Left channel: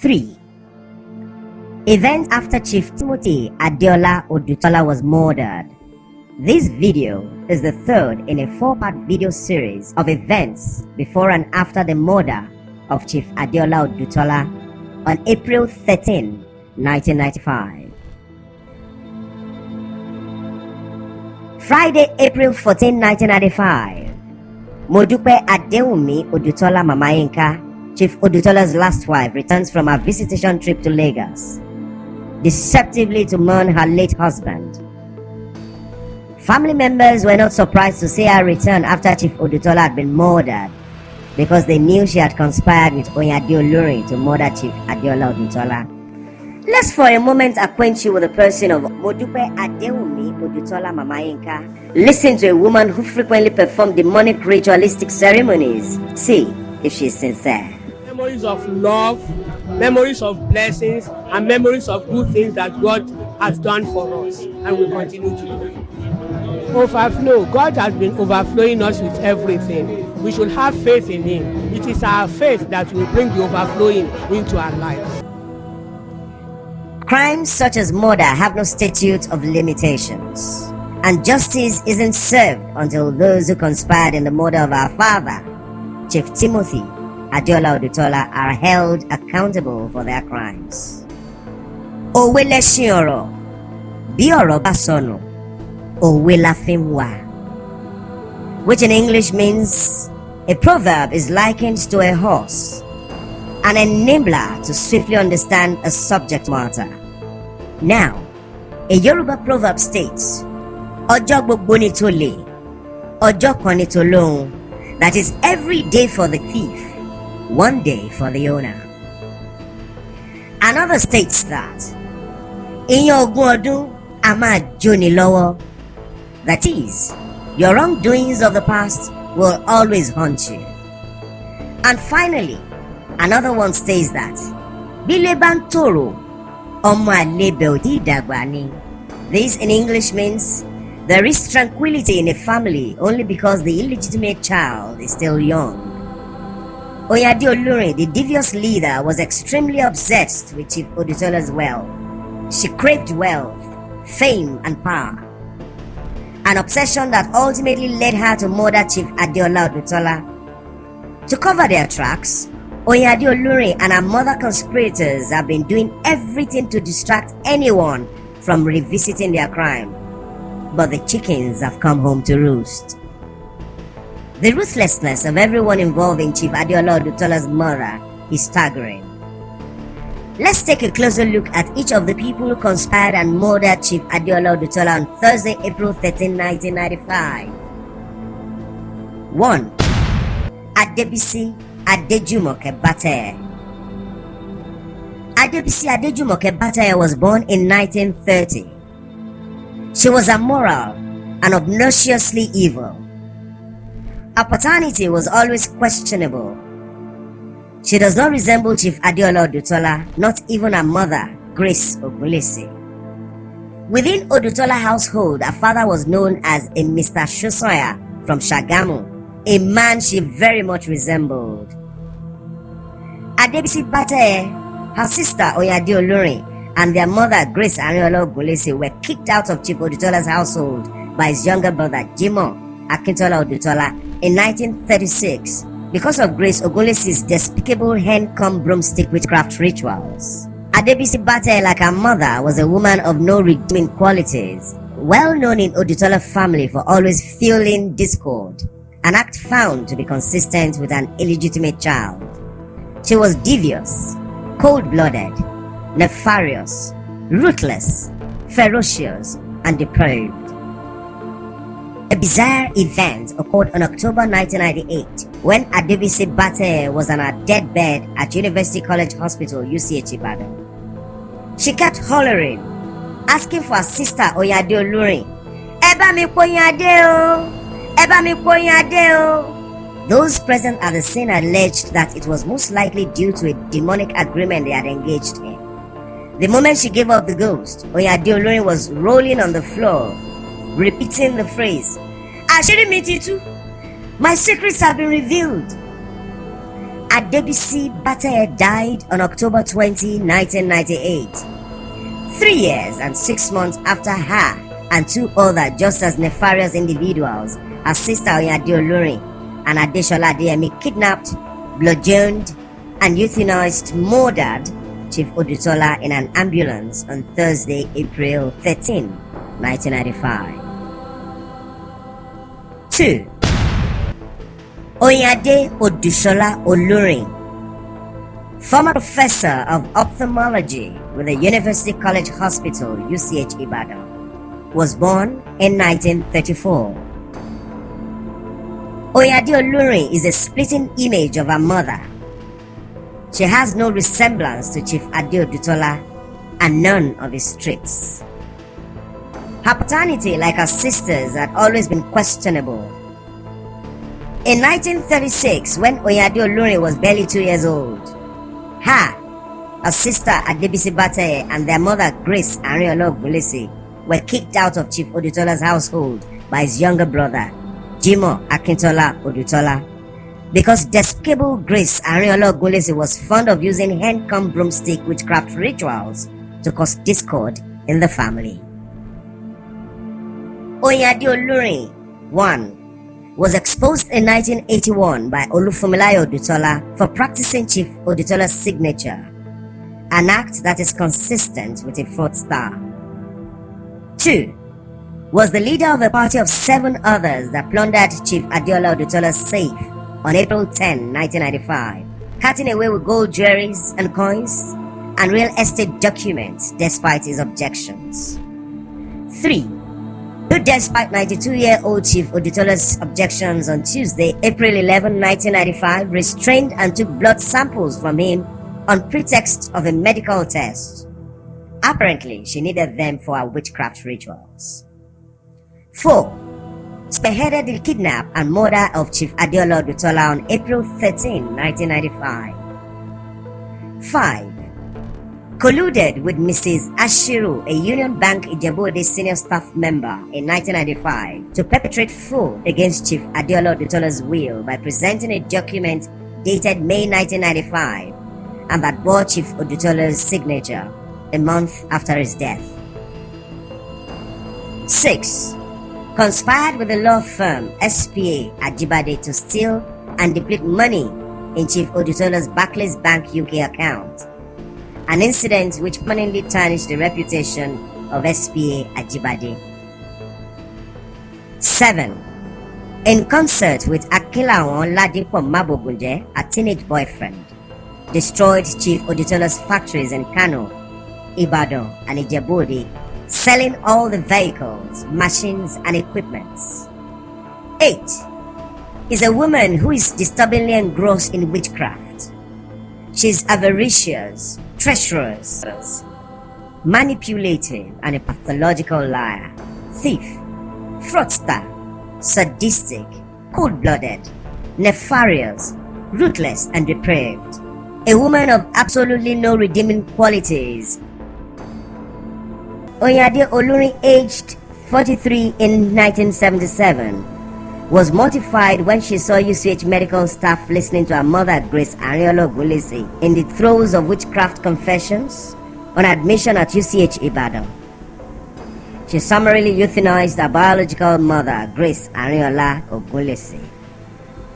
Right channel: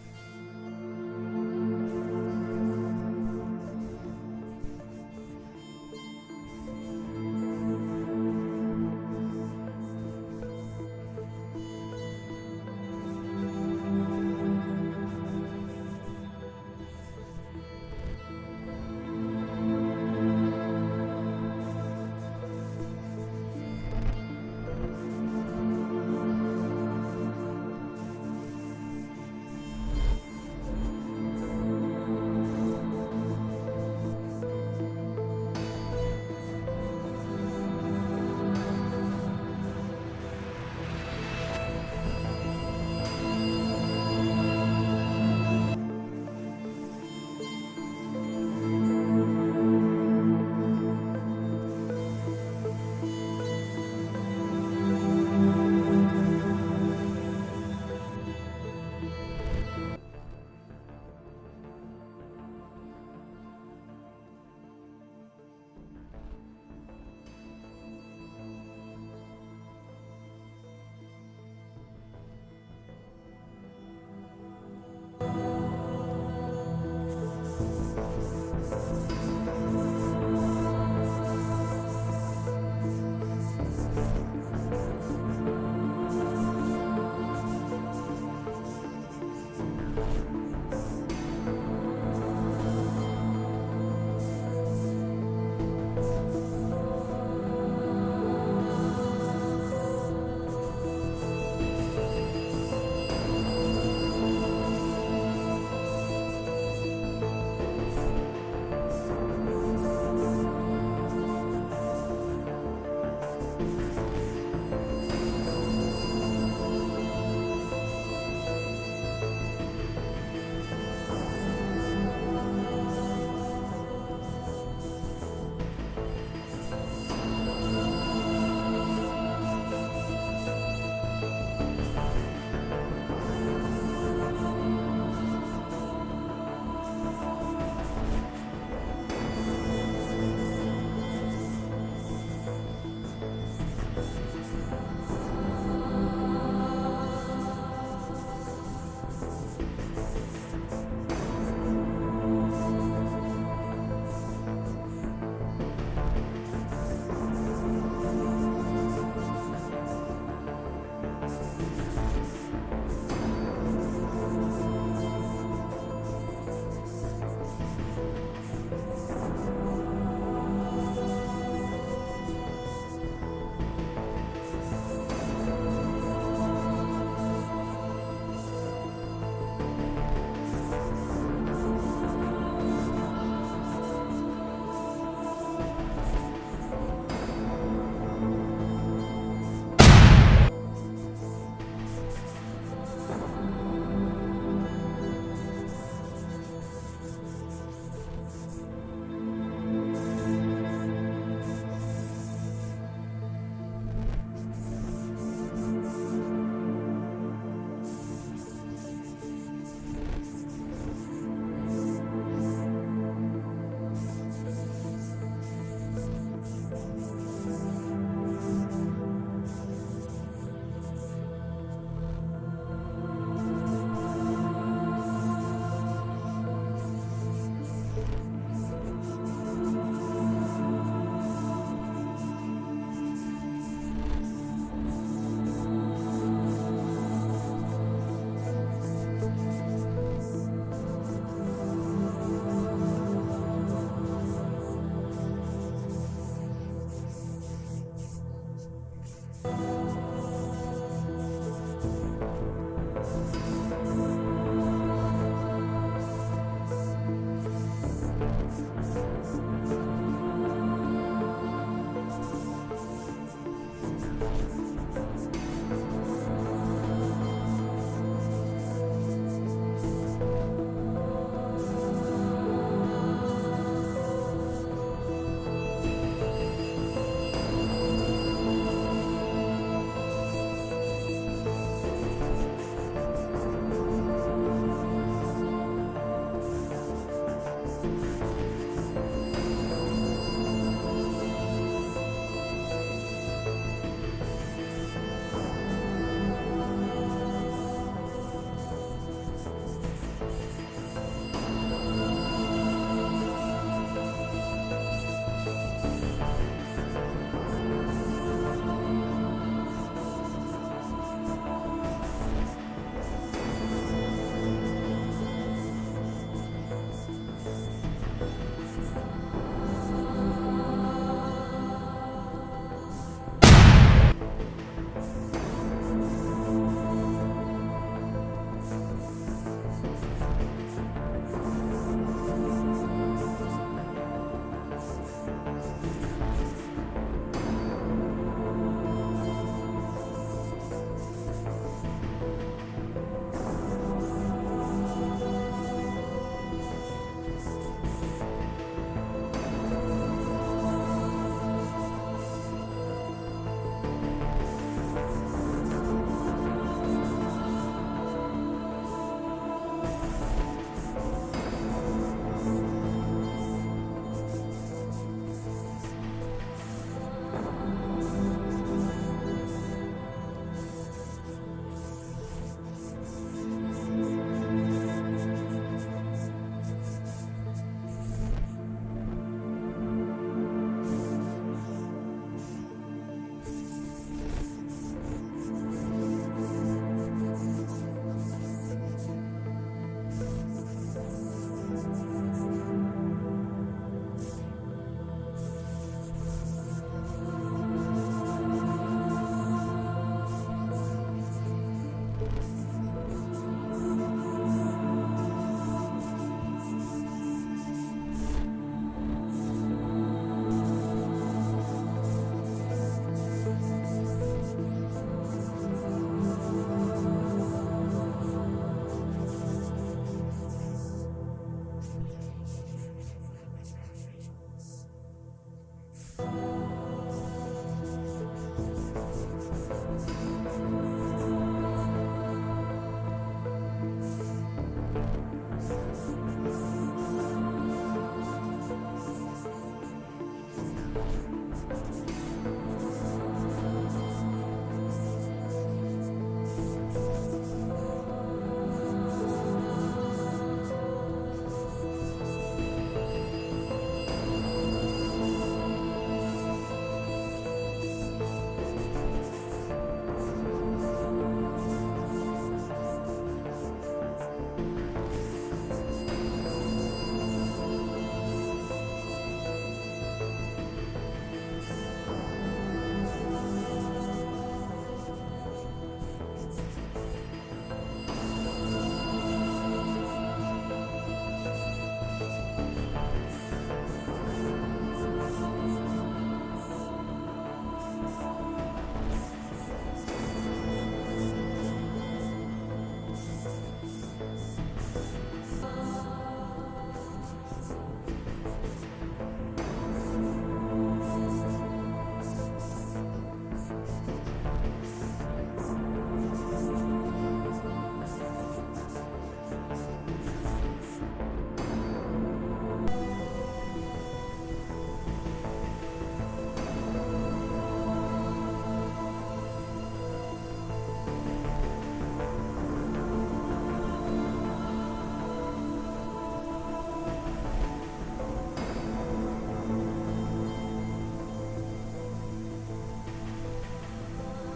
3. Events after Chief Timothy Adeola Odutola was murdered. This video is the third in a 4-part video series of events before and after the murder of Chief Adeola Odutola on April 13, 1995. Friday, April 14, 1995. Modupe Adewunmi Odutola Mamayinka, Chief Odutola's last wife, returns from her visitation trip to Lagos, deceptively to mourn her late husband. Family members were not surprised to see her return after Chief Odutola had been murdered, because they knew she had conspired with Oyinade Olurin to murder Chief Adeola Odutola. Let's for a moment acquaint you with the person of Modupe Adewunmi Odutola Mamayinka. Listen to a woman who frequently performed demonic ritualistic ceremonies. See if she is sincere. Memories of love, memories of blessings, and memories of good things that God has done for us and will continue to do. Overflow. God has been overflowing us with everything. We should have faith in Him. It is our faith that will bring the overflowing into our lives. Crimes such as murder have no statute of limitations, and justice isn't served until those who conspired in the murder of our father, Chief Timothy Adeola Odutola, are held accountable for their crimes. Òwe lẹṣin ọ̀rọ̀, bí ọ̀rọ̀ bá sọnù, òwe la fi ń wá, which in English means a proverb is likened to a horse, an enabler to swiftly understand a subject matter. Now, a Yoruba proverb states, Ọjọ́ gbogbo ni tolè, ọjọ́ kan ni tolóhun. That is, every day for the thief, one day for the owner. Another states that Ìyàn ogún ọdún a máa jóni lọ́wọ́. That is, your wrongdoings of the past will always haunt you. And finally, another one states that Bílé bá ń tòrò, ọmọ àlebẹ̀ ò tí dàgbà ni. This in English means there is tranquility in a family only because the illegitimate child is still young. Oyinade Olurin, the devious leader, was extremely obsessed with Chief Odutola's wealth. She craved wealth, fame, and power. An obsession that ultimately led her to murder Chief Adeola Odutola. To cover their tracks, Oyinade Olurin and her mother conspirators have been doing everything to distract anyone from revisiting their crime. But the chickens have come home to roost. The ruthlessness of everyone involved in Chief Adeola Odutola's murder is staggering. Let's take a closer look at each of the people who conspired and murdered Chief Adeola Odutola on Thursday, April 13, 1995. 1. Adebisi Adejumoke Bateye. Adebisi Adejumoke Bateye was born in 1930. She was immoral and obnoxiously evil. Her paternity was always questionable. She does not resemble Chief Adeola Odutola, not even her mother, Grace Ogunlesi. Within Odutola household, her father was known as a Mr. Shosoya from Shagamu, a man she very much resembled. Adebisi Bateye, her sister Oyinade Olurin, and their mother Grace Adeola Ogunlesi were kicked out of Chief Odutola's household by his younger brother Jimoh Akintola Odutola in 1936 because of Grace Ogunlesi's despicable hen-comb broomstick witchcraft rituals. Adebisi Bateye, like her mother, was a woman of no redeeming qualities, well known in Odutola family for always fueling discord, an act found to be consistent with an illegitimate child. She was devious, cold-blooded, nefarious, ruthless, ferocious, and depraved. A bizarre event occurred on October 1998 when Adebisi Bateye was on her deathbed at University College Hospital, UCH Ibadan. She kept hollering, asking for her sister Oyinade Olurin, "Ẹ bá mi po Oyinade o! Ẹ bá mi po Oyinade o!" Those present at the scene alleged that it was most likely due to a demonic agreement they had engaged in. The moment she gave up the ghost, Oyinade Olurin was rolling on the floor, repeating the phrase, "Àṣírí mi ti tú. My secrets have been revealed." Adebisi Bateye died on October 20, 1998. 3 years and 6 months after her and two other just as nefarious individuals, her sister Oyinade Olurin and Adeshola Adeyemi, kidnapped, bludgeoned, and euthanized, murdered Chief Odutola in an ambulance on Thursday, April 13, 1995. 2. Oyinade Olurin Olurin, former professor of ophthalmology with the University College Hospital, UCH Ibadan, was born in 1934. Oyinade Olurin is a splitting image of her mother. She has no resemblance to Chief Ade Odutola and none of his traits. Her paternity, like her sisters, had always been questionable. In 1936, when Oyinade Olurin was barely 2 years old, her sister Adebisi Bateye and their mother Grace Arinola Ogulese were kicked out of Chief Odutola's household by his younger brother, Jimoh Akintola Odutola, because despicable Grace Arinola Ogulese was fond of using hand-comb broomstick witchcraft rituals to cause discord in the family. Oyinade Olurin, 1, was exposed in 1981 by Olufunmilayo Odutola for practicing Chief Odutola's signature, an act that is consistent with a fraudster. 2. Was the leader of a party of 7 others that plundered Chief Adeola Odutola's safe on April 10, 1995, cutting away with gold jewelries and coins and real estate documents despite his objections. 3. Who, despite 92-year-old Chief Odutola's objections on Tuesday, April 11, 1995, restrained and took blood samples from him on pretext of a medical test. Apparently, she needed them for her witchcraft rituals. 4. Spearheaded the kidnap and murder of Chief Adeola Odutola on April 13, 1995. 5. Colluded with Mrs. Ashiru, a Union Bank Ijebu-Ode senior staff member, in 1995 to perpetrate fraud against Chief Adeola Odutola's will by presenting a document dated May 1995 and that bore Chief Odutola's signature a month after his death. 6. Conspired with the law firm SPA Ajibade to steal and deplete money in Chief Odutola's Barclays Bank UK account, an incident which permanently tarnished the reputation of SPA Ajibade. 7. In concert with Akinlawo Ladipo Mabogunje, a teenage boyfriend, destroyed Chief Odutola's factories in Kano, Ibadan, and Ijebu-Ode, selling all the vehicles, machines, and equipments. 8. Is a woman who is disturbingly engrossed in witchcraft. She is avaricious, treacherous, manipulative, and a pathological liar, thief, fraudster, sadistic, cold-blooded, nefarious, ruthless, and depraved. A woman of absolutely no redeeming qualities. Oyinade Olurin, aged 43 in 1977, was mortified when she saw UCH medical staff listening to her mother, Grace Arinola Ogulese, in the throes of witchcraft confessions on admission at UCH Ibadan. She summarily euthanized her biological mother, Grace Arinola Ogulese.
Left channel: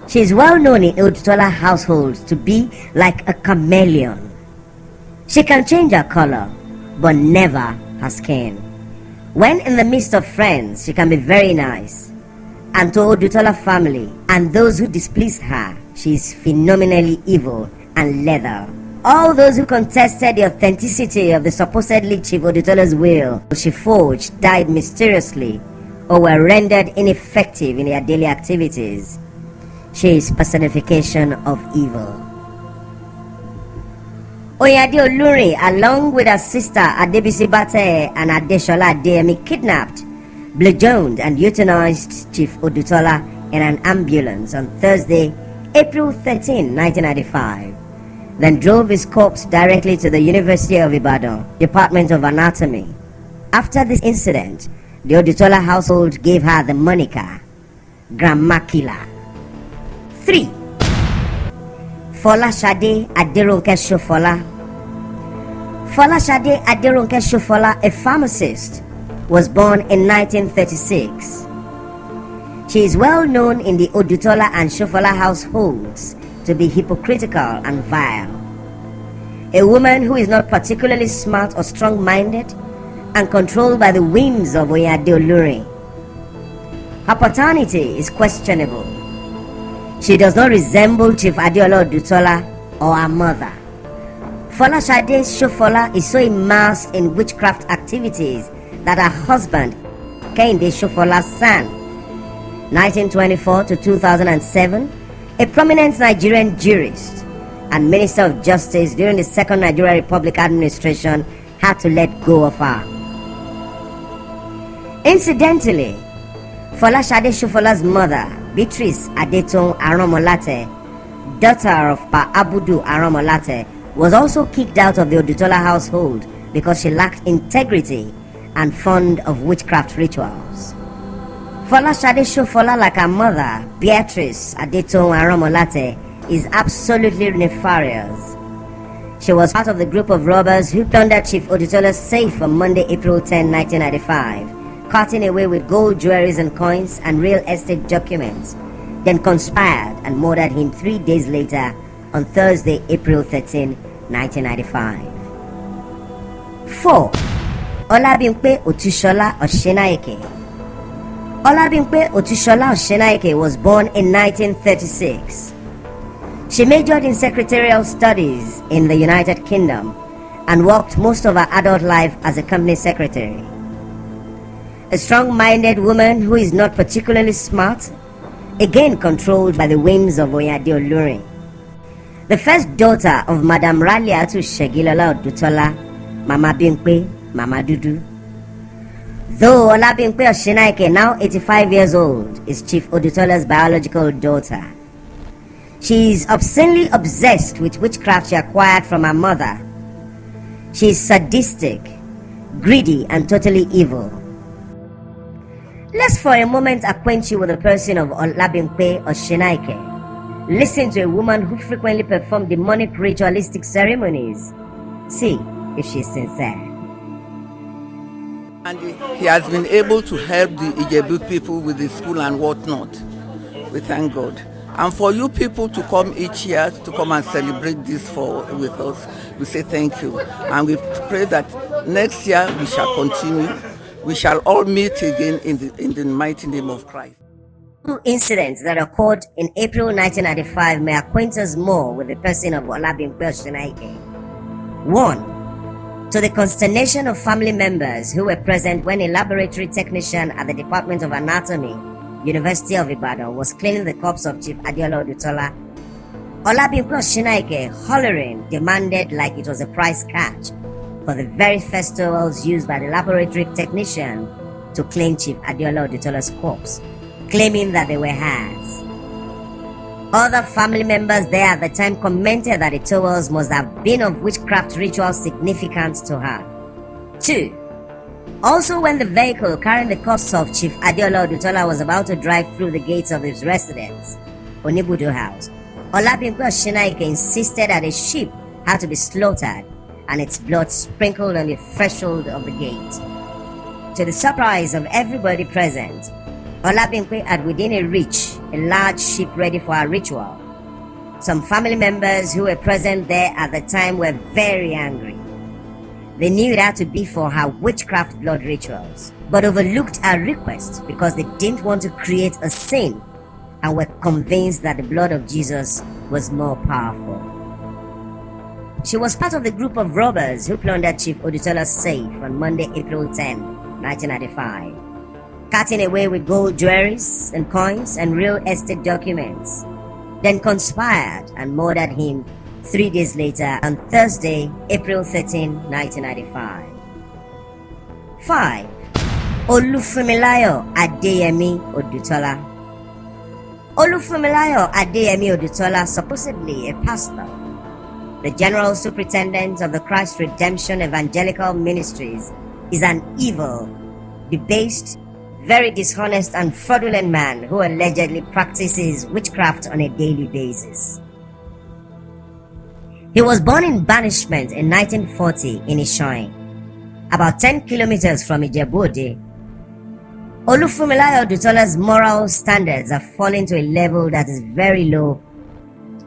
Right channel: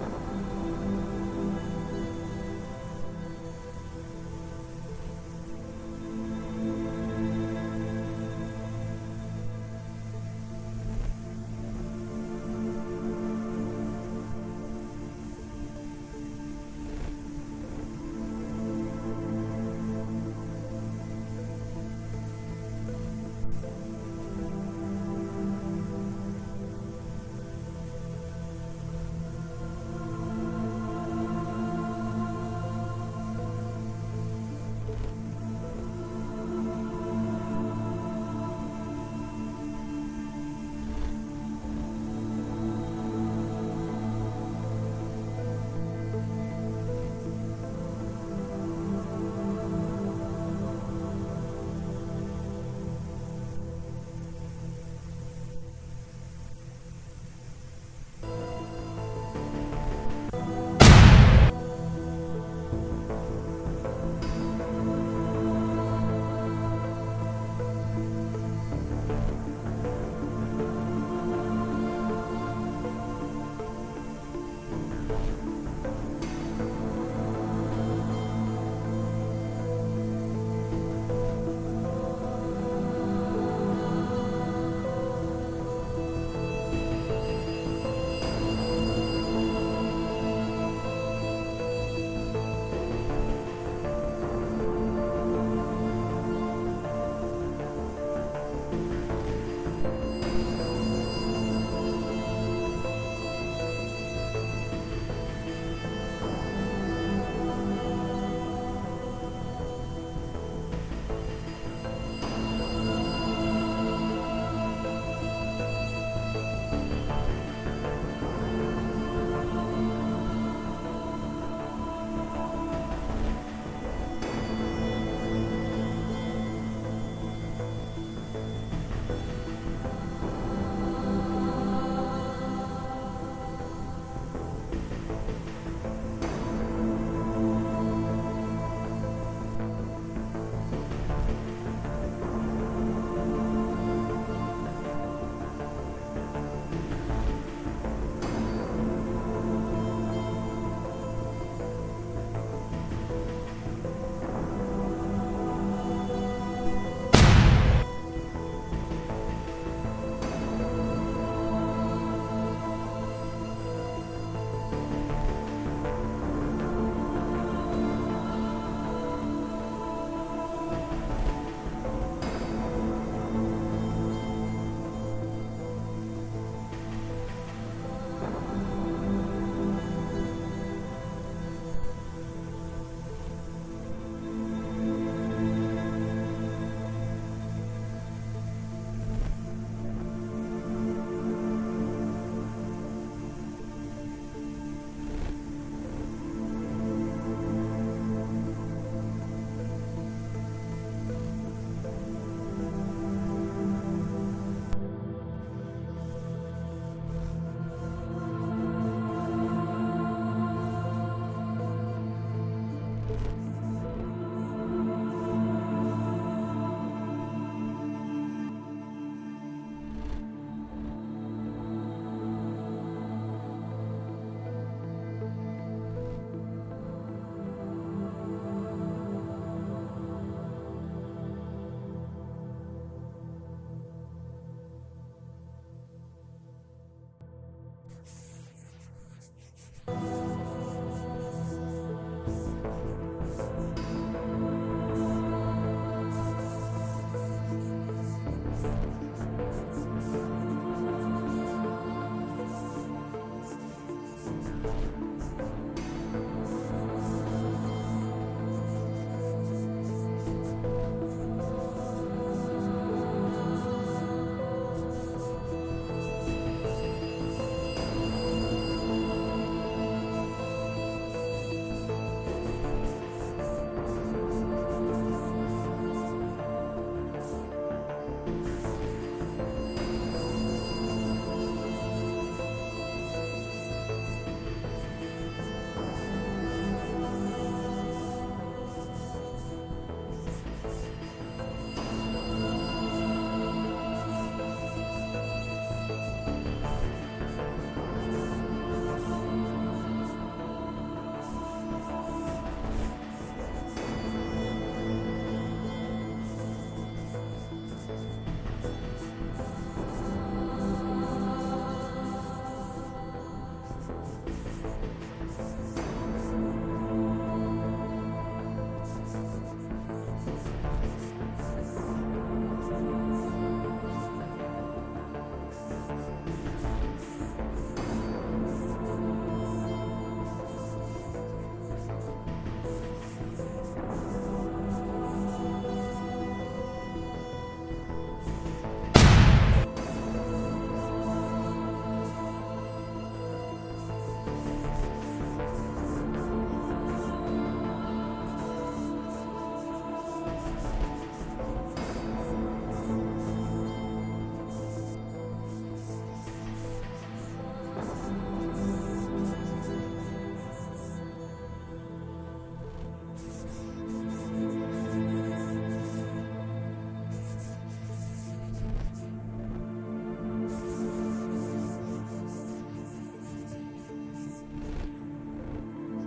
She is well known in Odutola household to be like a chameleon. She can change her color, but never her skin. When in the midst of friends, she can be very nice. And to Odutola family and those who displease her, she is phenomenally evil and lethal. All those who contested the authenticity of the supposedly Chief Odutola's will she forged died mysteriously or were rendered ineffective in their daily activities. She is personification of evil. Oyinade Olurin, along with her sister Adebisi Bateye and Adeshola Adeyemi, kidnapped, bludgeoned, and euthanized Chief Odutola in an ambulance on Thursday, April 13, 1995. Then drove his corpse directly to the University of Ibadan, Department of Anatomy. After this incident, the Odutola household gave her the moniker Grandma Killer. 3. Folashade Aderonke Shofola. Folashade Aderonke Shofola, a pharmacist, was born in 1936. She is well known in the Odutola and Shofola households to be hypocritical and vile. A woman who is not particularly smart or strong-minded and controlled by the whims of Oyinade Olurin. Her paternity is questionable. She does not resemble Chief Adeola Odutola or her mother. Folashade Shofola is so immersed in witchcraft activities that her husband, Kehinde Shofola San, 1924 to 2007, a prominent Nigerian jurist and Minister of Justice during the Second Nigeria Republic administration, had to let go of her. Incidentally, Folashade Shofola's mother, Beatrice Adeton Aromolate, daughter of Pa Abudu Aromolate, was also kicked out of the Odutola household because she lacked integrity and fond of witchcraft rituals. Folashade Shofola, like her mother, Beatrice Adeton Aromolate, is absolutely nefarious. She was part of the group of robbers who plundered Chief Odutola's safe on Monday, April 10, 1995, cutting away with gold jewelries and coins and real estate documents, then conspired and murdered him 3 days later on Thursday, April 13, 1995. 4. Olabimpe Otushola Oshenaike. Olabimpe Otushola Oshenaike was born in 1936. She majored in secretarial studies in the United Kingdom and worked most of her adult life as a company secretary. A strong-minded woman who is not particularly smart, again controlled by the whims of Oyinade Olurin. The first daughter of Madam Raliatu Segilola Odutola, Mama Bimpe, Mama Dudu. Though Olabimpe Oshenaike, now 85 years old, is Chief Odutola's biological daughter. She is obscenely obsessed with witchcraft she acquired from her mother. She is sadistic, greedy, and totally evil. Let's for a moment acquaint you with the person of Olabimpe Oshenaike. Listen to a woman who frequently performed demonic ritualistic ceremonies. See if she is sincere. And he has been able to help the Ijebu people with the school and whatnot. We thank God. And for you people to come each year to come and celebrate this with us, we say thank you. And we pray that next year we shall continue. We shall all meet again in the mighty name of Christ. Two incidents that occurred in April 1995 may acquaint us more with the person of Olabimpe Oshenaike. 1. To the consternation of family members who were present when a laboratory technician at the Department of Anatomy, University of Ibadan, was cleaning the corpse of Chief Adeola Odutola, Olabimpe Oshenaike, hollering, demanded like it was a prize catch for the very festivals used by the laboratory technician to claim Chief Adeola Odutola's corpse, claiming that they were hers. Other family members there at the time commented that the towels must have been of witchcraft ritual significance to her. 2. Also, when the vehicle carrying the corpse of Chief Adeola Odutola was about to drive through the gates of his residence, Onibudo House, Olabimpe Oshenaike insisted that a sheep had to be slaughtered and its blood sprinkled on the threshold of the gate. To the surprise of everybody present, Olabimpe had within a reach a large sheep ready for a ritual. Some family members who were present there at the time were very angry. They knew it had to be for her witchcraft blood rituals, but overlooked her request because they didn't want to create a sin and were convinced that the blood of Jesus was more powerful. She was part of the group of robbers who plundered Chief Odutola's safe on Monday, April 10, 1995, cutting away with gold jewelries and coins and real estate documents, then conspired and murdered him 3 days later on Thursday, April 13, 1995. 5. Olufunmilayo Odutola. Olufunmilayo Odutola, supposedly a pastor, the General Superintendent of the Christ Redemption Evangelical Ministries, is an evil, debased, very dishonest and fraudulent man who allegedly practices witchcraft on a daily basis. He was born in banishment in 1940 in Ishoin, about 10 kilometers from Ijebu-Ode. Olufunmilayo Odutola's moral standards are falling to a level that is very low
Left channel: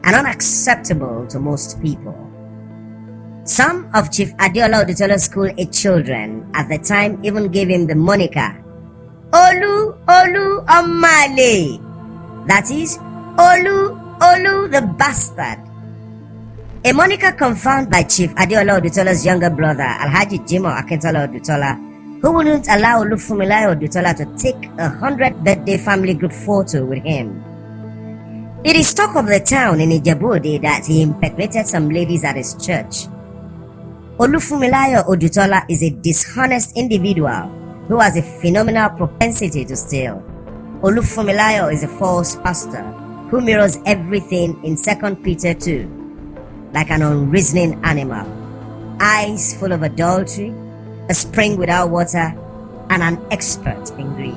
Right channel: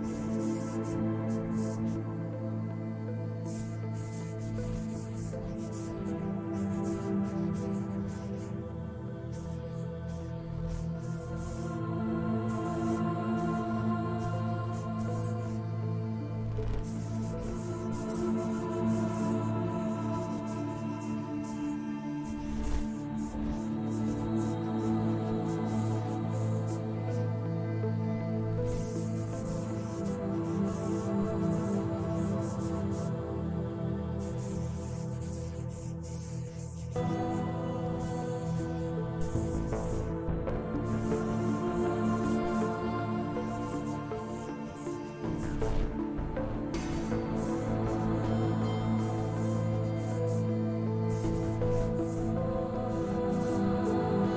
and unacceptable to most people. Some of Chief Adeola Odutola's school-age children at the time even gave him the moniker Olu Omale, that is, Olu the bastard. A moniker confirmed by Chief Adeola Odutola's younger brother, Alhaji Jimoh Akintola Odutola, who wouldn't allow Olufunmilayo Odutola to take a 100th birthday family group photo with him. It is talk of the town in Ijebu-Ode that he impregnated some ladies at his church. Olufunmilayo Odutola is a dishonest individual who has a phenomenal propensity to steal. Olufunmilayo is a false pastor who mirrors everything in 2 Peter 2, like an unreasoning animal, eyes full of adultery, a spring without water, and an expert in greed.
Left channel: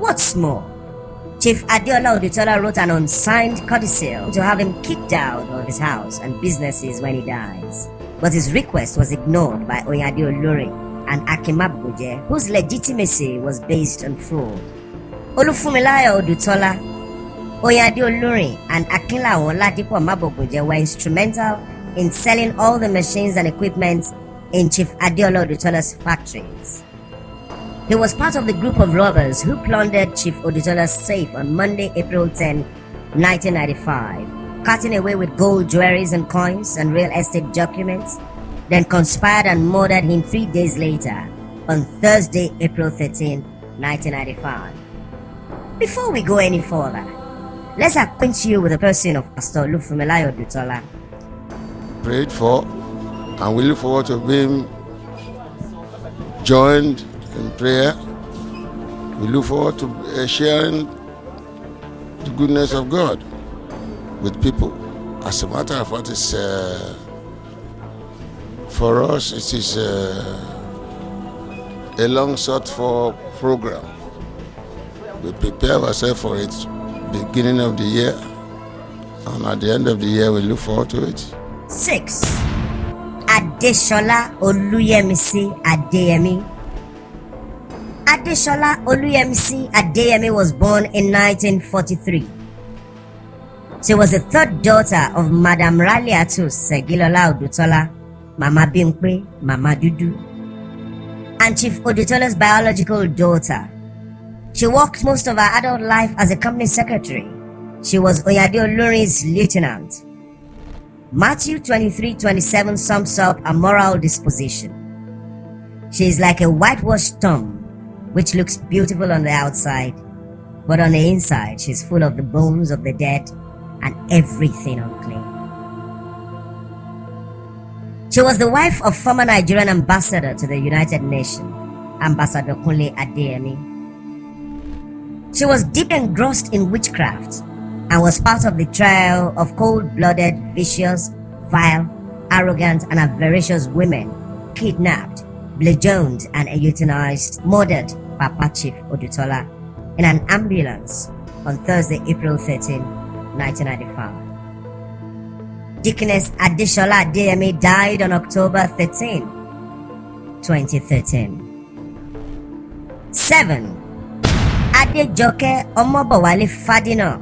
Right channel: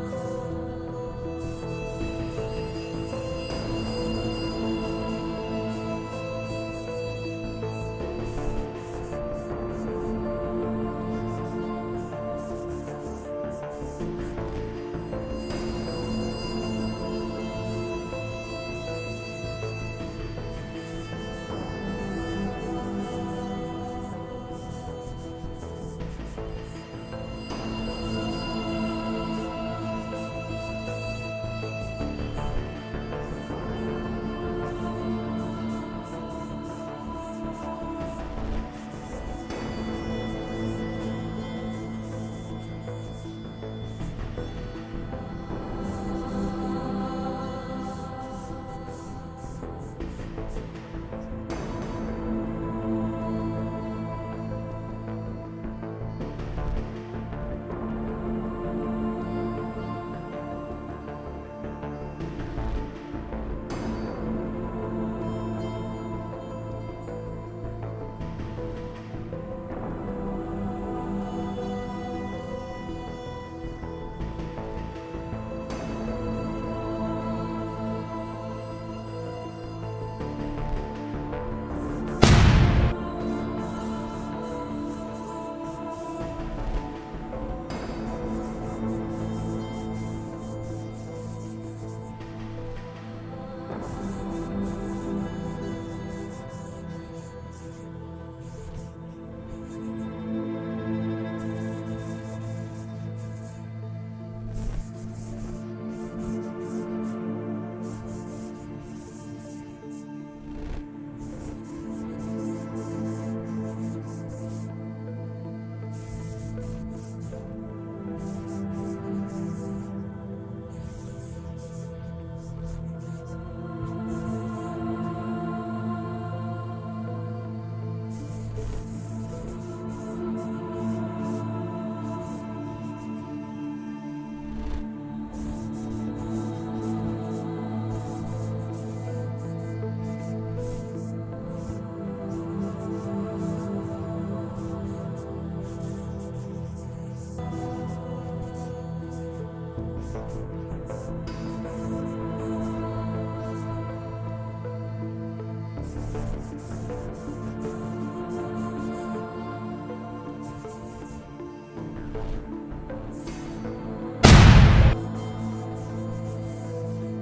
What's more, Chief Adeola Odutola wrote an unsigned codicil to have him kicked out of his house and businesses when he dies. But his request was ignored by Oyinade Olurin and Ademola, whose legitimacy was based on fraud. Olufunmilayo Odutola, Oyinade Olurin, and Ademola were instrumental in selling all the machines and equipment in Chief Adeola Odutola's factories. He was part of the group of robbers who plundered Chief Odutola's safe on Monday, April 10, 1995, cutting away with gold jewelries and coins and real estate documents, then conspired and murdered him 3 days later on Thursday, April 13, 1995. Before we go any further, let's acquaint you with the person of Pastor Olufunmilayo Odutola. Prayed for, and we look forward to being joined in prayer. We look forward to sharing the goodness of God with people. As a matter of fact, it's, for us, it is a long sought for program. We prepare ourselves for it beginning of the year, and at the end of the year, we look forward to it. 6. Adeshola Oluyemisi Adeyemi. Adeshola Oluyemisi Adeyemi was born in 1943. She was the third daughter of Madam Raliatu Segilola Odutola, Mama Bimpe, Mama Dudu, and Chief Odutola's biological daughter. She worked most of her adult life as a company secretary. She was Oyinade Olurin's lieutenant. Matthew 23:27 sums up a moral disposition. She is like a whitewashed tomb, which looks beautiful on the outside, but on the inside she's full of the bones of the dead and everything unclean. She was the wife of former Nigerian ambassador to the United Nations, Ambassador Kunle Adeyemi. She was deep engrossed in witchcraft and was part of the trial of cold-blooded, vicious, vile, arrogant, and avaricious women kidnapped, bludgeoned, and euthanized, murdered Papa Chief Odutola in an ambulance on Thursday, April 13, 1995. Deaconess Adeshola Adeyemi died on October 13, 2013. 7. Adejoke Omobowale Fadina.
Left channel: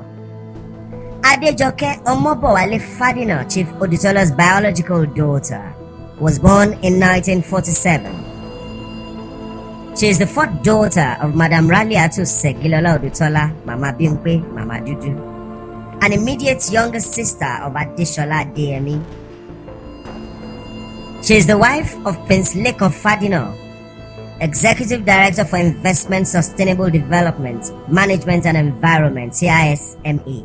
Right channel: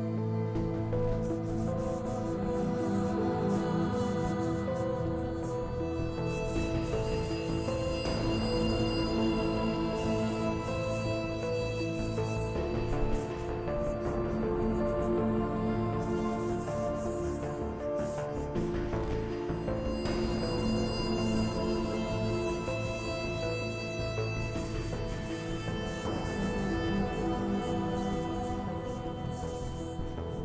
Adejoke Omobowale Fadina, Chief Odutola's biological daughter, was born in 1947. She is the fourth daughter of Madam Raliatu Segilola Odutola, Mama Bimpe, Mama Dudu, an immediate younger sister of Adeshola Adeyemi. She is the wife of Prince Leko Fadina, Executive Director for Investment, Sustainable Development, Management and Environment, CISME.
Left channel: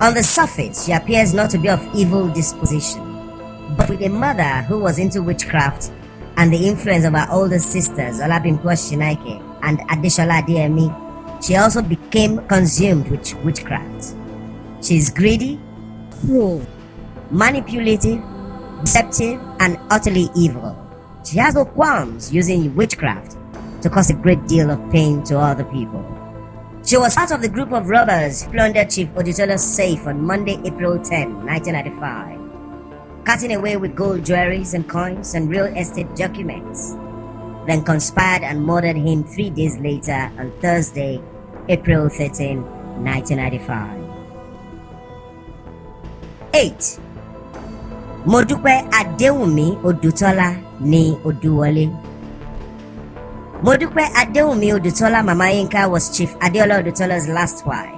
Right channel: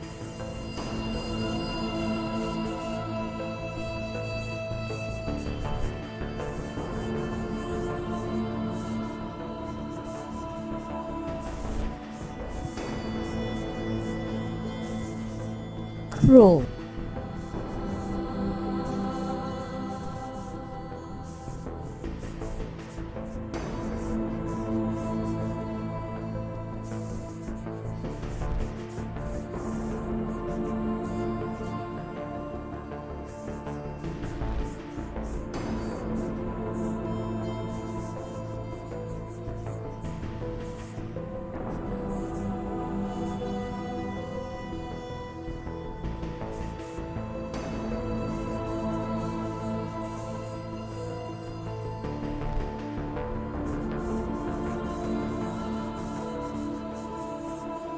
On the surface, she appears not to be of evil disposition, but with a mother who was into witchcraft and the influence of her older sisters, Olabimpo Shinaike and Adeshola Adeyemi, she also became consumed with witchcraft. She is greedy, cruel, manipulative, deceptive, and utterly evil. She has no qualms using witchcraft to cause a great deal of pain to other people. She was part of the group of robbers who plundered Chief Odutola's safe on Monday, April 10, 1995. cutting away with gold jewelries and coins and real estate documents, then conspired and murdered him 3 days later on Thursday, April 13, 1995. 8. Modupe Adewunmi Odutola ni Oduwole. Modupe Adewunmi Odutola Mama Yinka was Chief Adeola Odutola's last wife.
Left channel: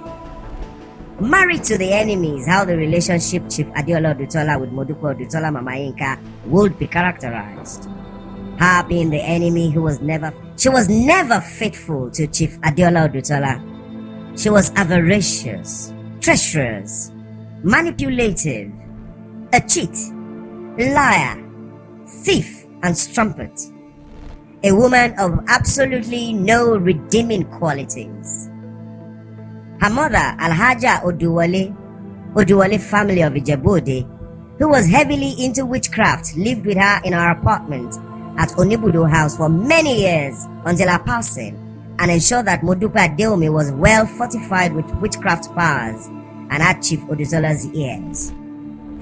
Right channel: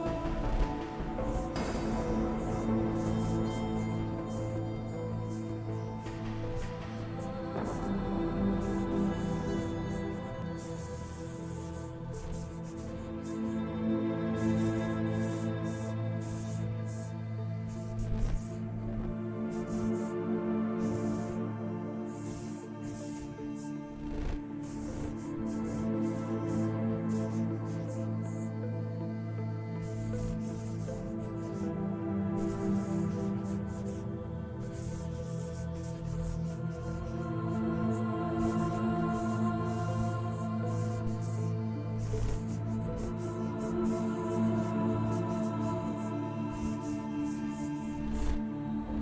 Married to the enemies, how the relationship Chief Adeola Odutola with Modupe Odutola Mama Yinka would be characterized. Her being the enemy she was never faithful to Chief Adeola Odutola. She was avaricious, treacherous, manipulative, a cheat, liar, thief, and strumpet. A woman of absolutely no redeeming qualities. Her mother, Alhaja Oduwole family of Ijebu-Ode, who was heavily into witchcraft, lived with her in her apartment at Onibudo House for many years until her passing, and ensured that Modupe Adewunmi was well fortified with witchcraft powers and had Chief Odutola's ears.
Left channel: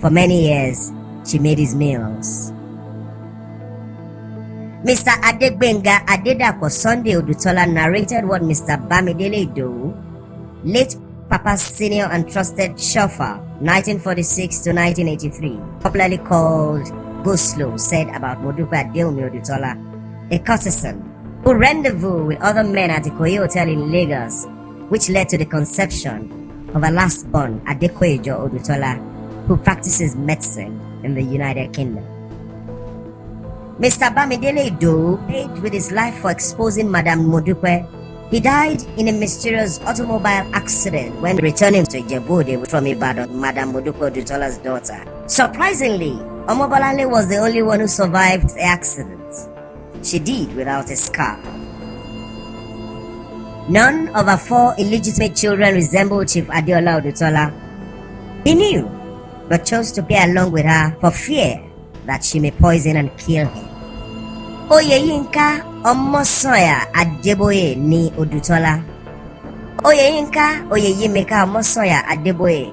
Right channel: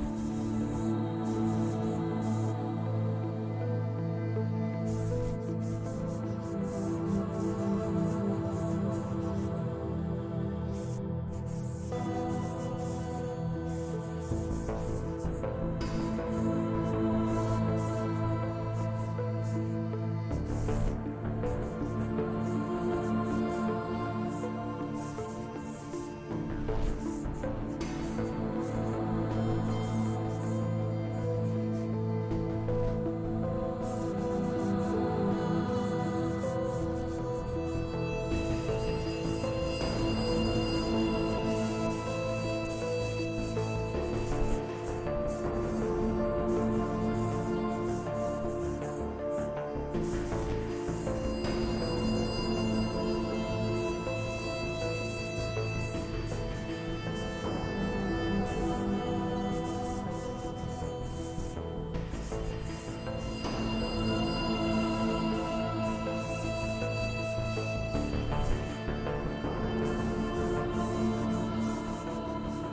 For many years, she made his meals. Mr. Adedapo Sunday Odutola narrated what Mr. Bamidele Idowu, late Papa's senior and trusted chauffeur, 1946 to 1983, popularly called Go-Slow, said about Modupe Adewunmi Odutola, a courtesan who rendezvoused with other men at Ikoyi Hotel in Lagos, which led to the conception of a last-born Adekoyejo Odutola, who practices medicine in the United Kingdom. Mr. Bamidele Idowu paid with his life for exposing Madame Modupe. He died in a mysterious automobile accident when returning to Ijebu-Ode from Ibadan, Madame Modupe Odutola's daughter. Surprisingly, Omobolanle was the only one who survived the accident. She did without a scar. None of her 4 illegitimate children resembled Chief Adeola Odutola. He knew, but chose to play along with her for fear that she may poison and kill him. Oyeyinka Omosoya Adeboye ni Odutola. Oyeyinka Oyeyimeka Omosoya Adeboye,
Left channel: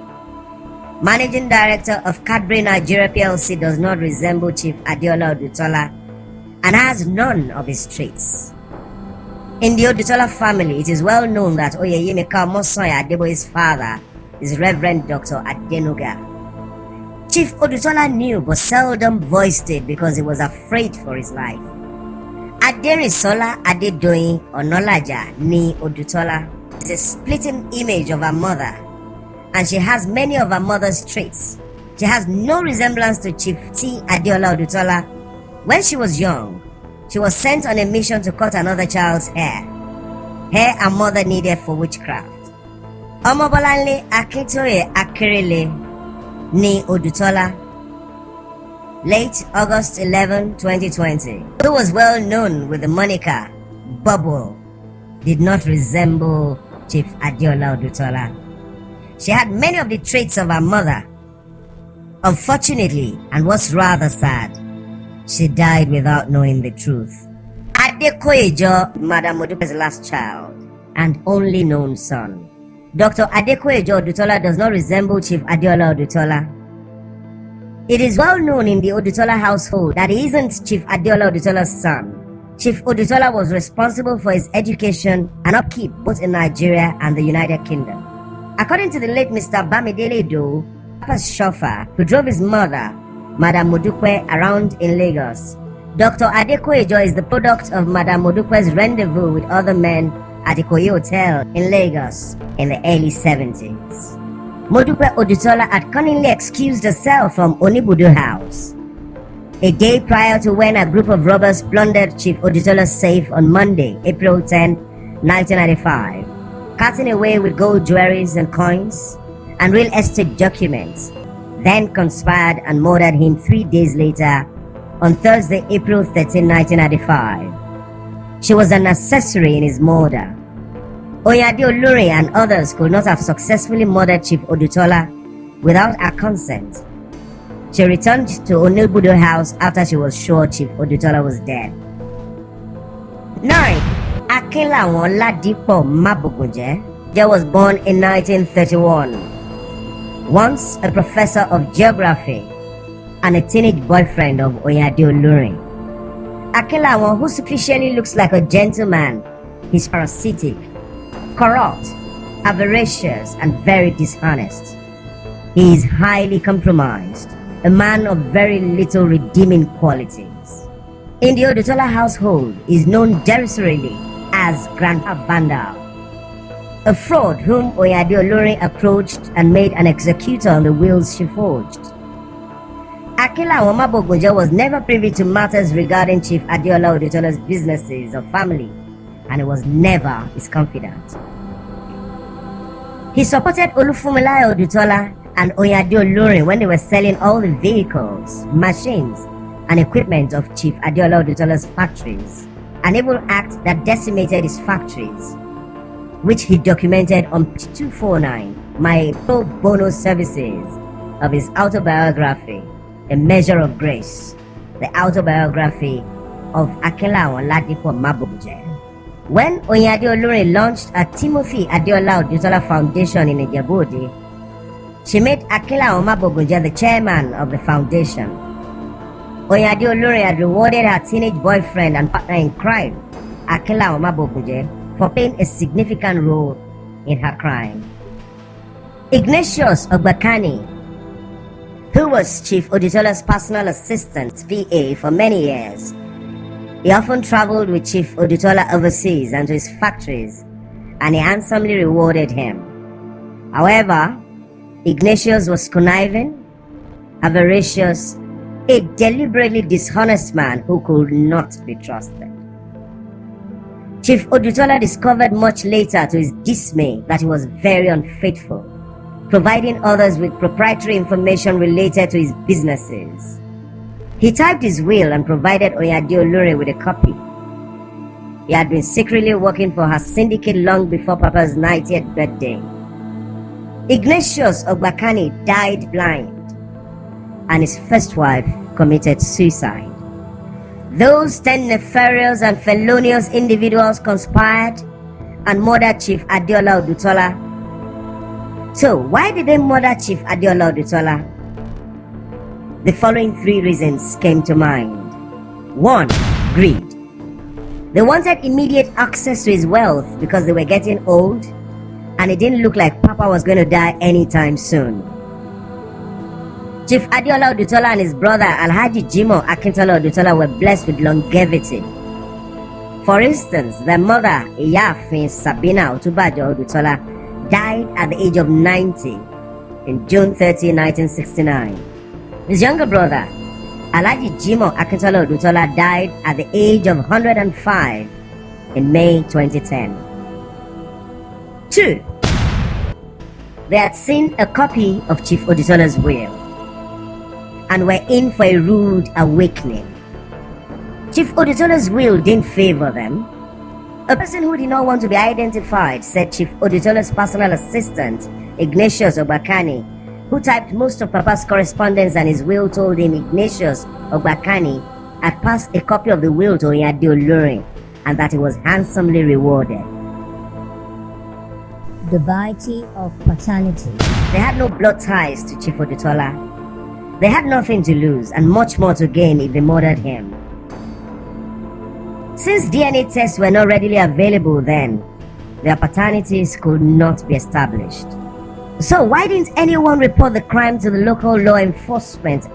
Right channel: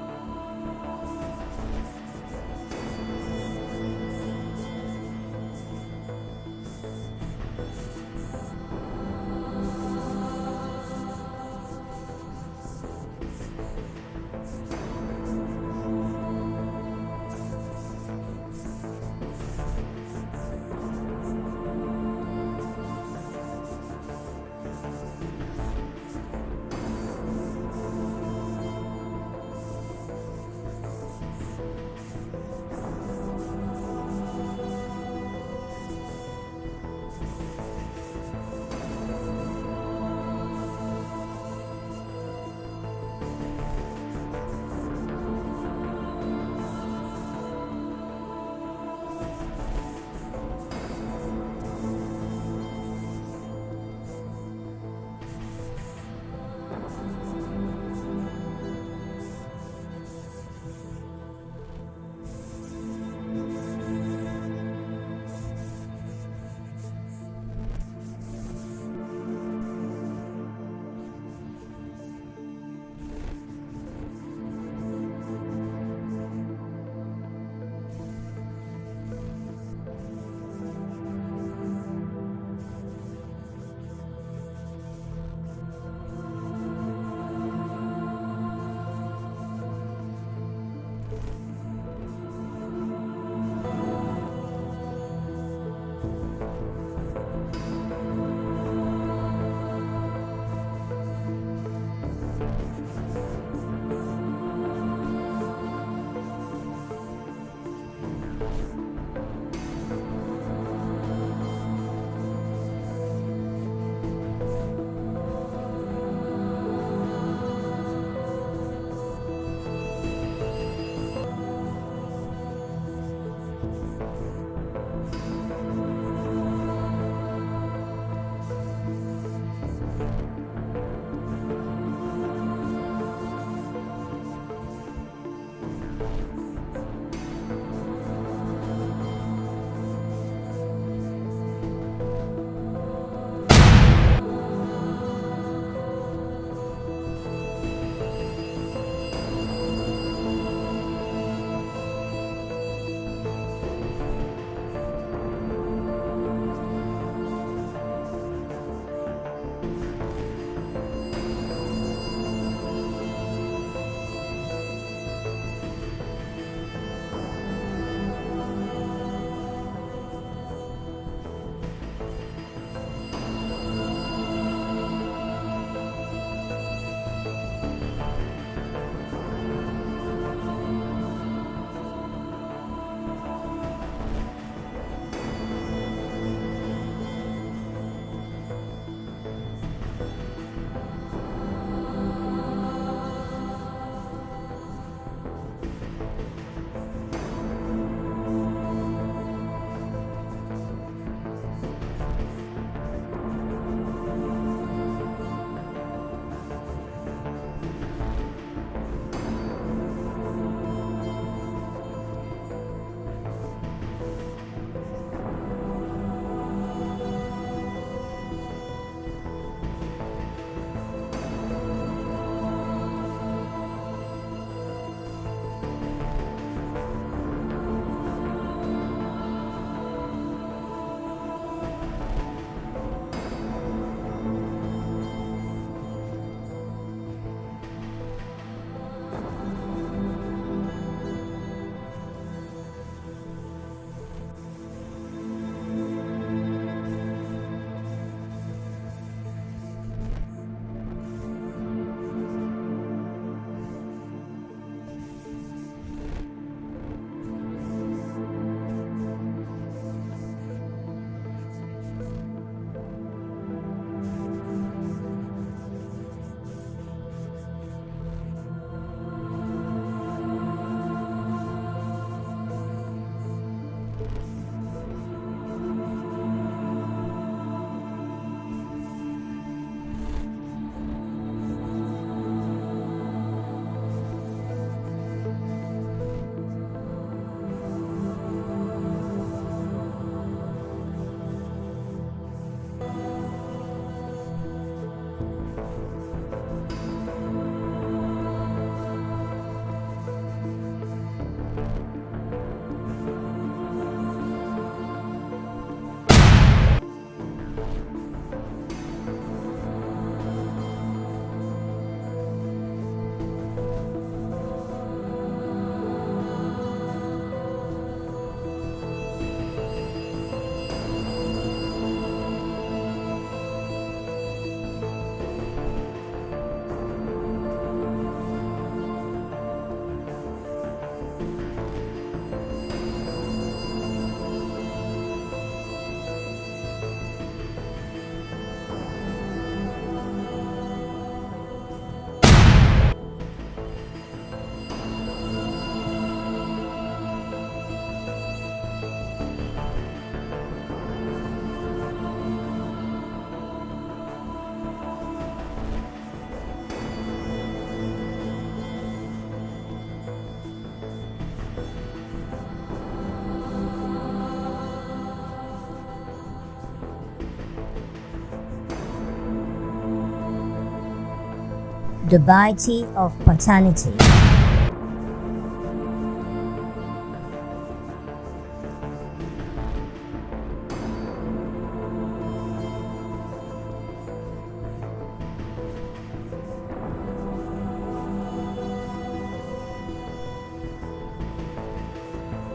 Managing Director of Cadbury Nigeria PLC, does not resemble Chief Adeola Odutola and has none of his traits. In the Odutola family, it is well known that Oyeyimeka Omosoya Adeboye's father is Reverend Dr. Adenuga. Chief Odutola knew but seldom voiced it because he was afraid for his life. Aderisola Adedoyin Onolaja ni Odutola is a splitting image of her mother, and she has many of her mother's traits. She has no resemblance to Chief T. Adeola Odutola. When she was young, she was sent on a mission to cut another child's hair her mother needed for witchcraft. Omobolanle Akintoye Akerele ni Odutola, late August 11, 2020, who was well known with the moniker Bubble, did not resemble Chief Adeola Odutola. She had many of the traits of her mother. Unfortunately, and what's rather sad, she died without knowing the truth. Adekoyejo, Madam Modupe's last child and only known son. Dr. Adekoyejo Odutola does not resemble Chief Adeola Odutola. It is well known in the Odutola household that he isn't Chief Adeola Odutola's son. Chief Odutola was responsible for his education and upkeep both in Nigeria and the United Kingdom. According to the late Mr. Bamidele Idowu, Papa's chauffeur who drove his mother, Madame Modupe, around in Lagos, Dr. Adekoyejo is the product of Madame Modupe's rendezvous with other men at Ikoyi Hotel in Lagos in the early 70s. Modupe Odutola had cunningly excused herself from Onibudo House a day prior to when a group of robbers plundered Chief Odutola's safe on Monday, April 10, 1995, cutting away with gold jewelries and coins and real estate documents, then conspired and murdered him 3 days later on Thursday, April 13, 1995. She was an accessory in his murder. Oyinade Olurin and others could not have successfully murdered Chief Odutola without her consent. She returned to Onibudo House after she was sure Chief Odutola was dead. 9. Akinlawon Ladipo Mabukunje was born in 1931. Once a professor of geography, and a teenage boyfriend of Oyinade Olurin. Akinlawo, who superficially looks like a gentleman, is parasitic, corrupt, avaricious, and very dishonest. He is highly compromised, a man of very little redeeming qualities. In the Odutola household, he is known derisively as Grandpa Vandal, a fraud whom Oyinade Olurin approached and made an executor on the wills she forged. Akinlawo Mabogunje was never privy to matters regarding Chief Adeola Odutola's businesses or family, and he was never his confidant. He supported Olufunmilayo Odutola and Oyinade Olurin when they were selling all the vehicles, machines, and equipment of Chief Adeola Odutola's factories, an evil act that decimated his factories, which he documented on page 249, my pro bono services of his autobiography, A Measure of Grace, the autobiography of Akinlawo Ladipo Mabogunje. When Oyinade Olurin launched a Timothy Adeola Odutola Foundation in Ijebu-Ode, she made Akinlawo Mabogunje the chairman of the foundation. Oyinade Olurin had rewarded her teenage boyfriend and partner in crime, Akinlawo Mabogunje, for playing a significant role in her crime. Ignatius Ogbakani, who was Chief Odutola's personal assistant, VA, for many years. He often traveled with Chief Odutola overseas and to his factories, and he handsomely rewarded him. However, Ignatius was conniving, avaricious, a deliberately dishonest man who could not be trusted. Chief Odutola discovered much later to his dismay that he was very unfaithful, providing others with proprietary information related to his businesses. He typed his will and provided Oyinade Olurin with a copy. He had been secretly working for her syndicate long before Papa's 90th birthday. Ignatius Ogbakani died blind, and his first wife committed suicide. Those 10 nefarious and felonious individuals conspired and murdered Chief Adeola Odutola. So, why did they murder Chief Adeola Odutola? The following 3 reasons came to mind. 1. Greed. They wanted immediate access to his wealth because they were getting old, and it didn't look like Papa was going to die anytime soon. Chief Adeola Odutola and his brother Alhaji Jimoh Akintola Odutola were blessed with longevity. For instance, their mother, Iyafin Sabina Otubajo Odutola, died at the age of 90 in June 30, 1969. His younger brother, Alhaji Jimoh Akintola Odutola, died at the age of 105 in May 2010. 2. They had seen a copy of Chief Odutola's will and were in for a rude awakening. Chief Odutola's will didn't favor them. A person who did not want to be identified said Chief Odutola's personal assistant, Ignatius Ogbakani, who typed most of Papa's correspondence and his will, told him Ignatius Ogbakani had passed a copy of the will to Oyinade Olurin and that he was handsomely rewarded. The Deity of Paternity. They had no blood ties to Chief Odutola. They had nothing to lose and much more to gain if they murdered him. Since DNA tests were not readily available then, their paternities could not be established. So why didn't anyone report the crime to the local law enforcement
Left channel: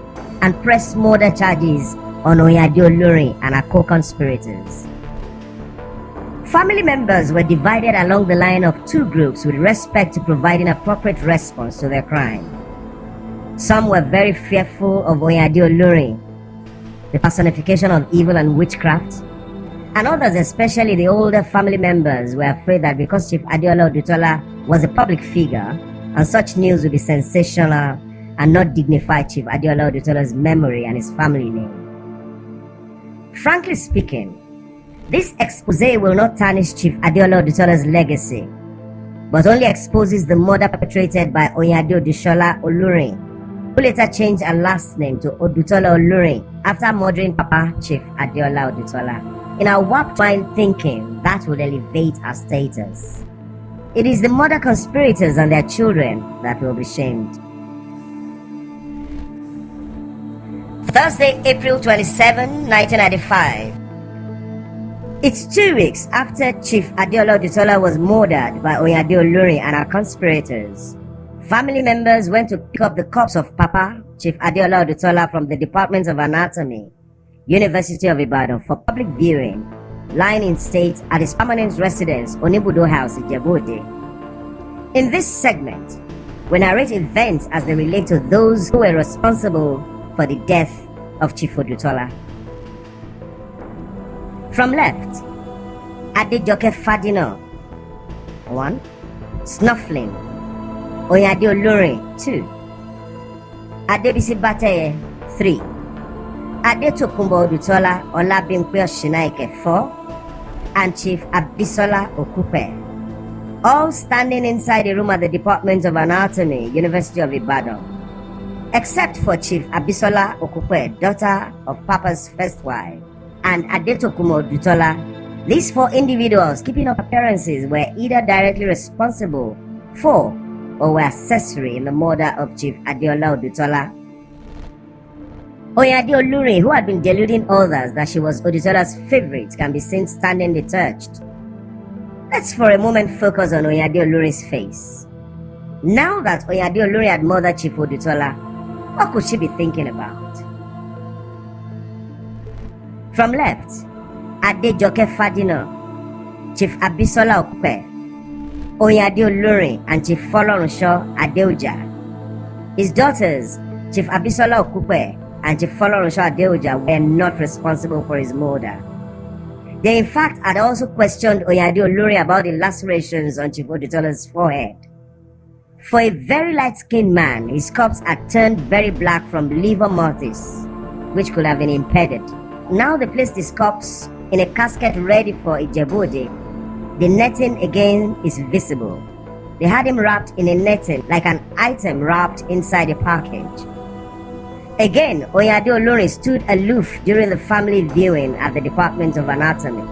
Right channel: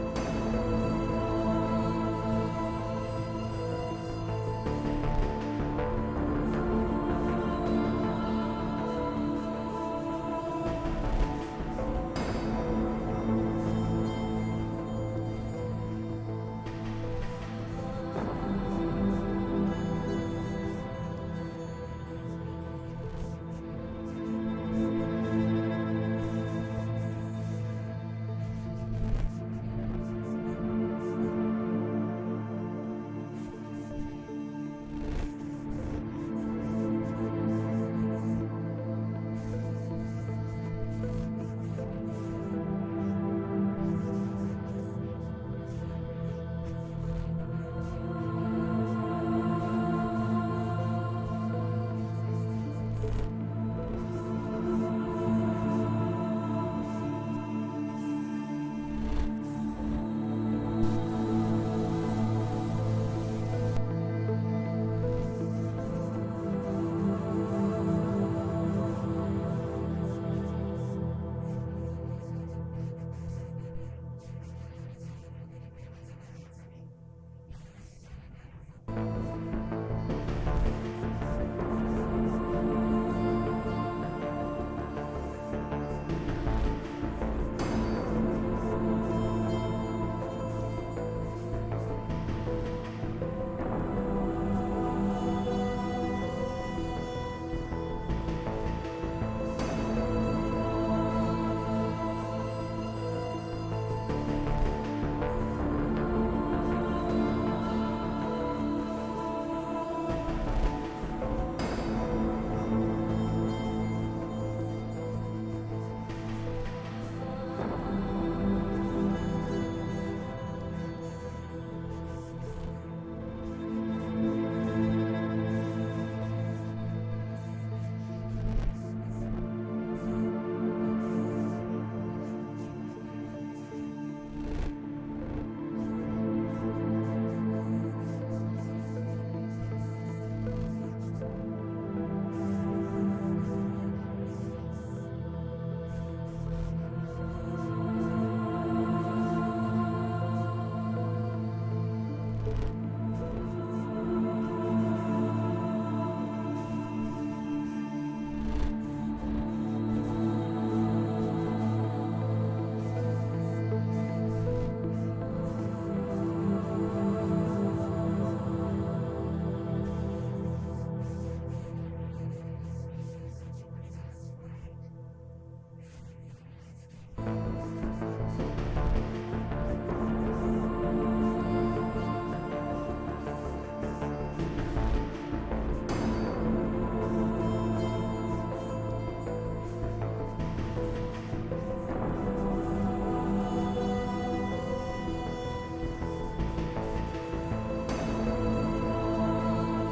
and press murder charges on Oyinade Olurin and her co-conspirators? Family members were divided along the line of 2 groups with respect to providing appropriate response to their crime. Some were very fearful of Oyinade Olurin, the personification of evil and witchcraft, and others, especially the older family members, were afraid that because Chief Adeola Odutola was a public figure and such news would be sensational and not dignify Chief Adeola Odutola's memory and his family name. Frankly speaking, this expose will not tarnish Chief Adeola Odutola's legacy, but only exposes the murder perpetrated by Oyinade Olurin, who later changed her last name to Odutola Olurin after murdering Papa Chief Adeola Odutola. In our warped mind thinking, that would elevate her status. It is the murder conspirators and their children that will be shamed. Thursday, April 27, 1995. It's 2 weeks after Chief Adeola Odutola was murdered by Oyinade Olurin and our conspirators. Family members went to pick up the corpse of Papa, Chief Adeola Odutola, from the Department of Anatomy, University of Ibadan, for public viewing, lying in state at his permanent residence, Onibudo House, Ijebu-Ode. In this segment, we narrate events as they relate to those who were responsible for the death of Chief Odutola. From left, Adejoke Fadino, 1. Snuffling, Oyinade Olurin, 2. Adebisi Bateye, 3. Adetokunbo Odutola Olabimpe Oshinaike, 4. And Chief Abisola Okupe, all standing inside a room at the Department of Anatomy, University of Ibadan, except for Chief Abisola Okupe, daughter of Papa's first wife, and Adetokunbo Odutola. These 4 individuals keeping up appearances were either directly responsible for or were accessory in the murder of Chief Adeola Odutola. Oyinade Olurin, who had been deluding others that she was Odutola's favorite, can be seen standing detached. Let's for a moment focus on Oyinade Olurin's face. Now that Oyinade Olurin had murdered Chief Odutola, what could she be thinking about? From left, Adejoke Fadino, Chief Abisola Okupe, Oyinade Olurin, and Chief Folorunsho Adeoja. His daughters, Chief Abisola Okupe and Chief Folorunsho Adeoja, were not responsible for his murder. They in fact had also questioned Oyinade Olurin about the lacerations on Chief Odutola's forehead. For a very light-skinned man, his corpse had turned very black from liver mortis, which could have been impeded. Now they placed his corpse in a casket ready for Ijebu-Ode. The netting again is visible. They had him wrapped in a netting like an item wrapped inside a package. Again, Oyinade Olurin stood aloof during the family viewing at the Department of Anatomy.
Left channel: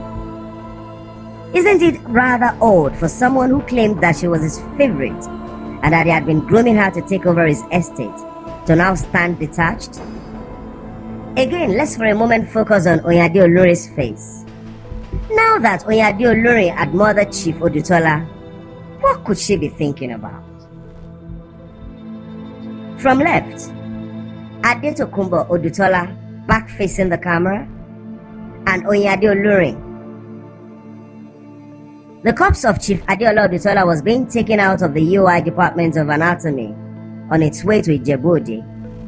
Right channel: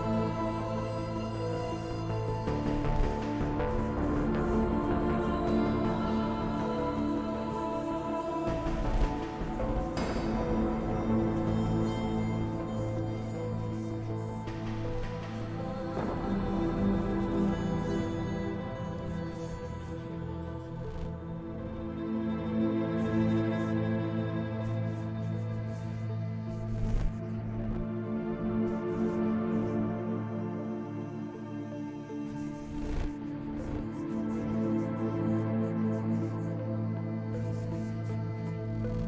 Isn't it rather odd for someone who claimed that she was his favorite and that he had been grooming her to take over his estate to now stand detached? Again, let's for a moment focus on Oyinade Olurin's face. Now that Oyinade Olurin had murdered Chief Odutola, what could she be thinking about? From left, Adetokunbo Odutola, back facing the camera, and Oyinade Olurin. The corpse of Chief Adeola Odutola was being taken out of the UI Department of Anatomy on its way to Ijebu-Ode.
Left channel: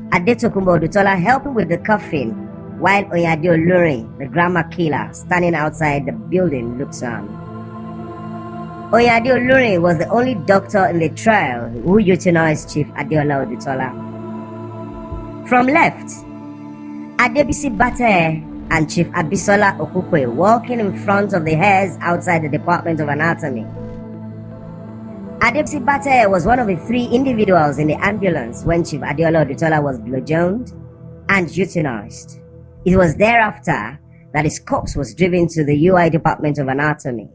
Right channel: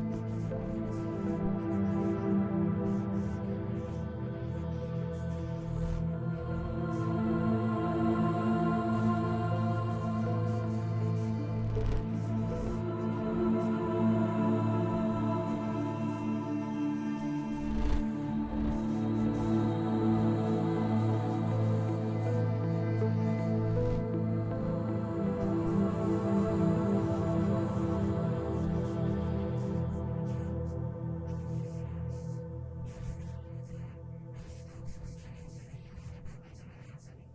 Adetokunbo Odutola helping with the coffin, while Oyinade Olurin, the grandma killer, standing outside the building, looks on. Oyinade Olurin was the only doctor in the trial who euthanized Chief Adeola Odutola. From left, Adebisi Bateye and Chief Abisola Okupe walking in front of the heirs outside the Department of Anatomy. Adebisi Bateye was one of the 3 individuals in the ambulance when Chief Adeola Odutola was bludgeoned and euthanized. It was thereafter that his corpse was driven to the UI Department of Anatomy.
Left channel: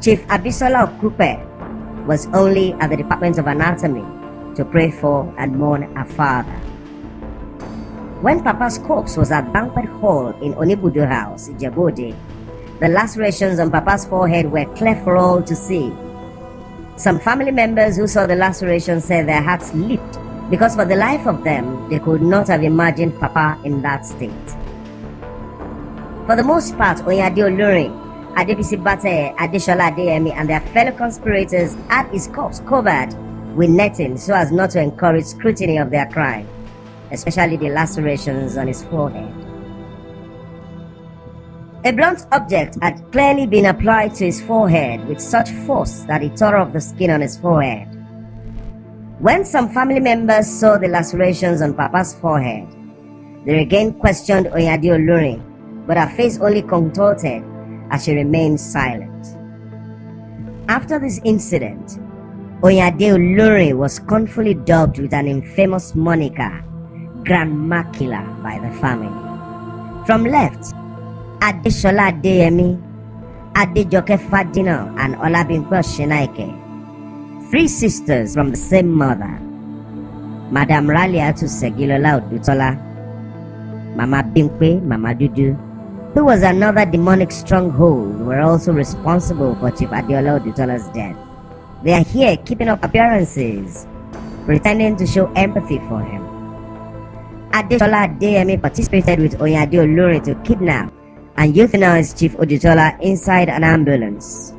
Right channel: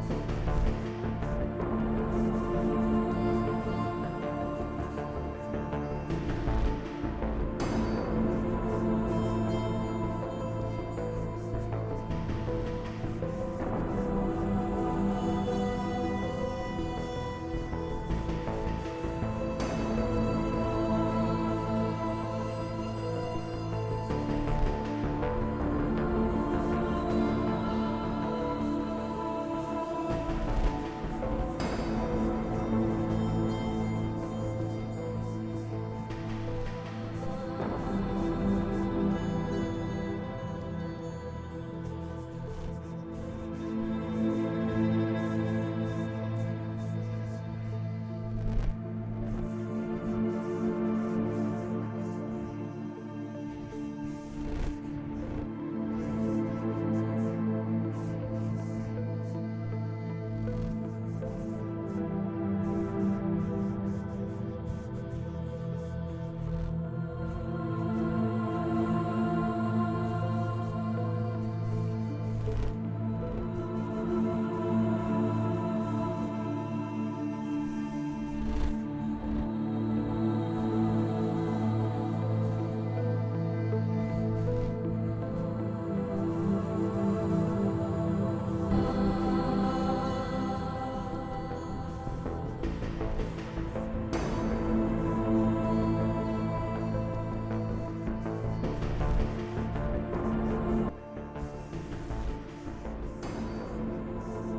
Chief Abisola Okupe was only at the Department of Anatomy to pray for and mourn her father. When Papa's corpse was at banquet hall in Onibudo House, Ijebu-Ode, the lacerations on Papa's forehead were clear for all to see. Some family members who saw the lacerations said their hearts leaped because for the life of them, they could not have imagined Papa in that state. For the most part, Oyinade Olurin, Adebisi Bateye, Adeshola Adeyemi, and their fellow conspirators had his corpse covered with netting so as not to encourage scrutiny of their crime, especially the lacerations on his forehead. A blunt object had clearly been applied to his forehead with such force that it tore off the skin on his forehead. When some family members saw the lacerations on Papa's forehead, they again questioned Oyinade Olurin, but her face only contorted as she remained silent. After this incident, Oyinade Olurin was scornfully dubbed with an infamous moniker, Grandma Killer, by the family. From left, Adeshola Adeyemi, Adejoke Fadino, and Olabimpe Oshinaike, 3 sisters from the same mother, Madam Raliatu Segilola Odutola, Mama Bimpe, Mama Dudu, who was another demonic stronghold, were also responsible for Chief Adeola Odutola's death. They are here keeping up appearances, pretending to show empathy for him. Adesola Adeyemi participated with Oyinade Olurin to kidnap and euthanize Chief Odutola inside an ambulance.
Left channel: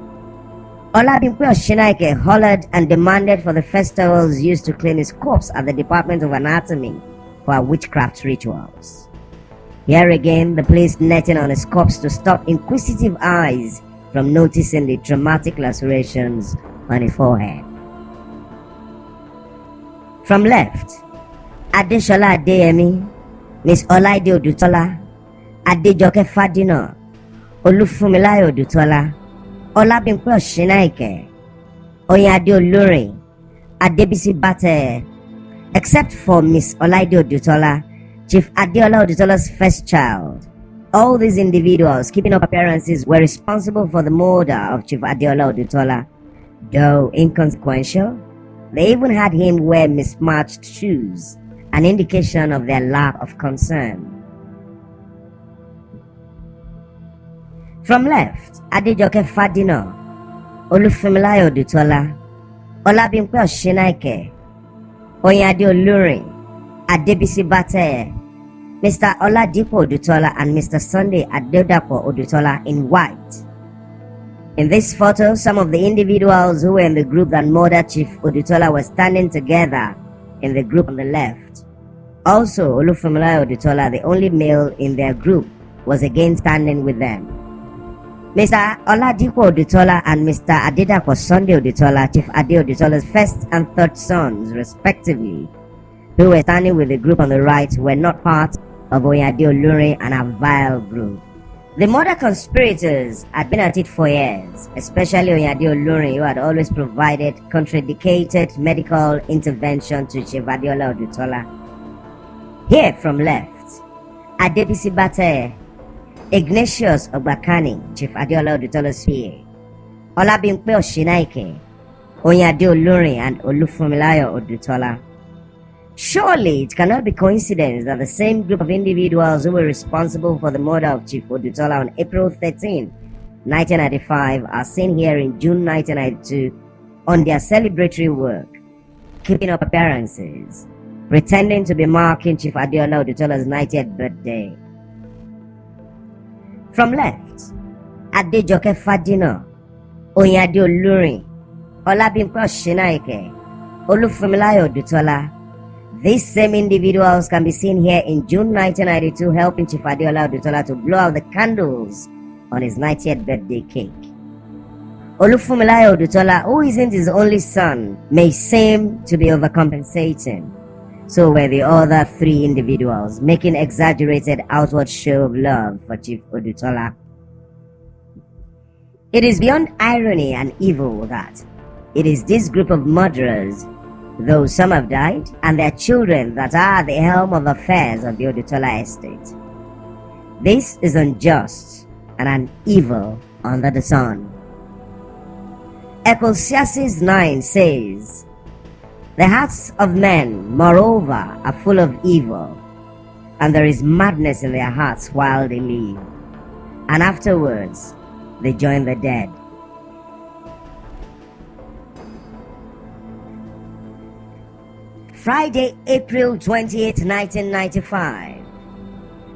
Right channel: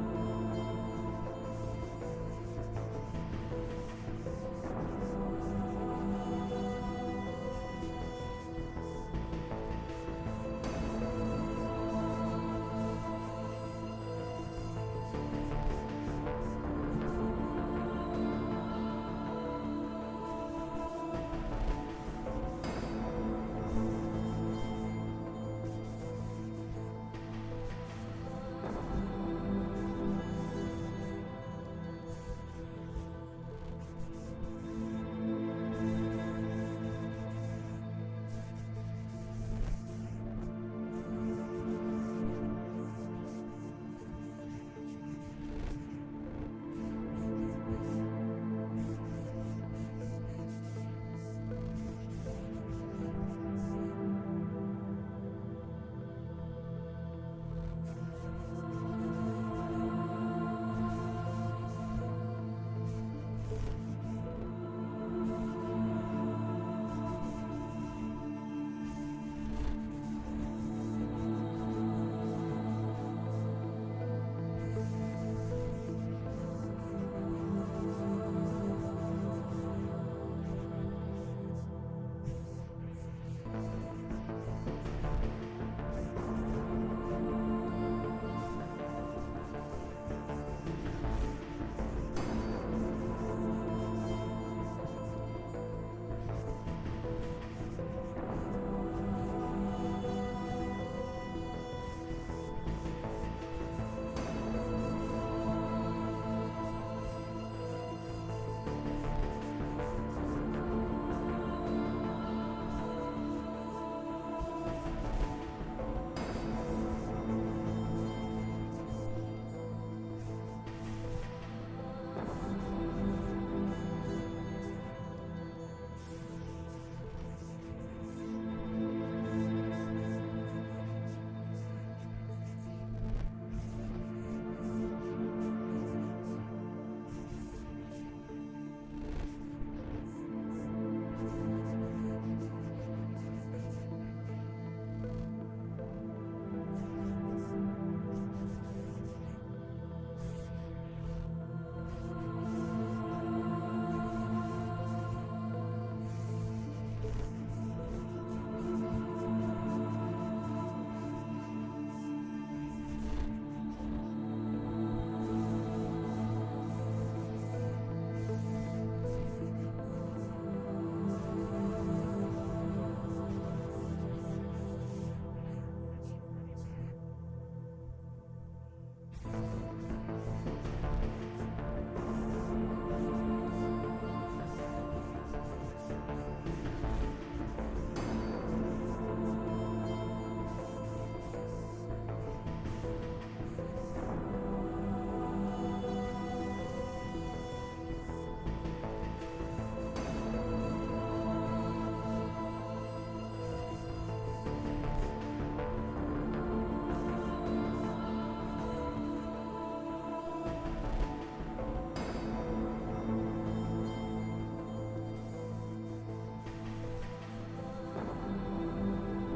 Olabimpe Oshinaike hollered and demanded for the festivals used to claim his corpse at the Department of Anatomy for witchcraft rituals. Here again, the police netting on his corpse to stop inquisitive eyes from noticing the traumatic lacerations on his forehead. From left, Adesola Adeyemi, Miss Oyinade Odutola, Adejoke Fadina, Olufunmilayo Odutola, Olabimpe Oshinaike, Oyinade Olurin, Adebisi Bate, except for Miss Oyinade Odutola, Chief Adeola Odutola's first child. All these individuals keeping up appearances were responsible for the murder of Chief Adeola Odutola. Though inconsequential, they even had him wear mismatched shoes, an indication of their lack of concern. From left, Adejoke Fadina, Olufunmilayo Odutola, Olabimpe Oshinaike, Oyinade Olurin, Adebisi Bate, Mr. Oladipo Odutola and Mr. Sunday Adedapo Odutola in white. In this photo, some of the individuals who were in the group that murdered Chief Odutola were standing together in the group on the left. Also, Olufunmilayo Odutola, the only male in their group, was again standing with them. Mr. Oladipo Odutola and Mr. Adedapo Sunday Odutola, Chief Ade Odutola's first and third sons, respectively, who were standing with the group on the right, were not part of Oyinade Olurin and a vile group. The murder conspirators had been at it for years, especially Oyinade Olurin, who had always provided contraindicated medical intervention to Chief Adeola Odutola. Here from left, Adebisi Bate, Ignatius Ogbakani, Chief Adeola Odutola's PA, Olabimpe Oshinaike, Oyinade Olurin and Olufunmilayo Odutola. Surely it cannot be coincidence that the same group of individuals who were responsible for the murder of Chief Odutola on April 13, 1995 are seen here in June 1992 on their celebratory work, keeping up appearances, pretending to be marking Chief Adeola Odutola's 90th birthday. From left, Adejoke Fadina, Oyinade Olurin, Olabimpe Oshinaike, Olufunmilayo Odutola. These same individuals can be seen here in June 1992 helping Chief Adeola Odutola to blow out the candles on his 90th birthday cake. Olufunmilayo Odutola, who isn't his only son, may seem to be overcompensating. So were the other three individuals, making exaggerated outward show of love for Chief Odutola. It is beyond irony and evil that it is this group of murderers, though some have died, and their children that are at the helm of affairs of the Odutola estate. This is unjust and an evil under the sun. Ecclesiastes 9 says, "The hearts of men, moreover, are full of evil, and there is madness in their hearts while they live, and afterwards they join the dead." Friday, April 28, 1995.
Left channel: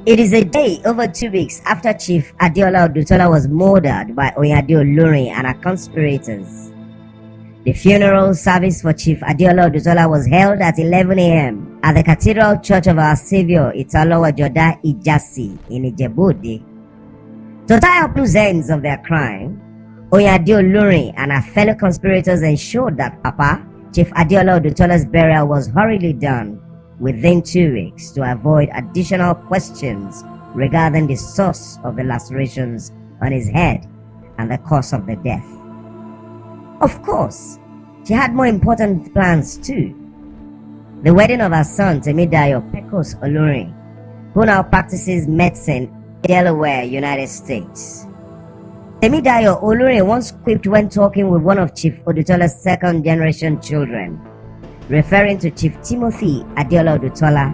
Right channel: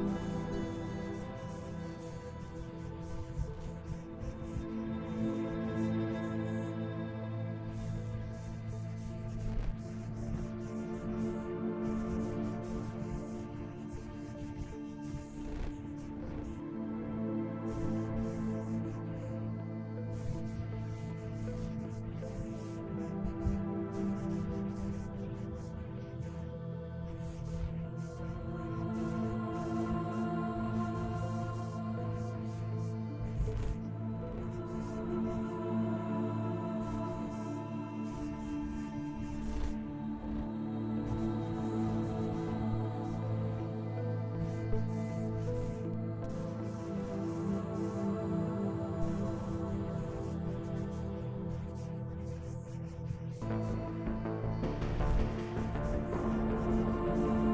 It is a day over 2 weeks after Chief Adeola Odutola was murdered by Oyinade Olurin and her conspirators. The funeral service for Chief Adeola Odutola was held at 11 a.m. at the Cathedral Church of Our Savior, Italowa Joda Ijasi in Ijebu-Ode. To tie up loose ends of their crime, Oyinade Olurin and her fellow conspirators ensured that Papa, Chief Adeola Odutola's burial was hurriedly done within 2 weeks to avoid additional questions regarding the source of the lacerations on his head and the cause of the death. Of course, she had more important plans too. The wedding of her son, Temidayo Pecos Olurin, who now practices medicine in Delaware, United States. Temidayo Olurin once quipped when talking with one of Chief Odutola's second-generation children, referring to Chief Timothy Adeola Odutola,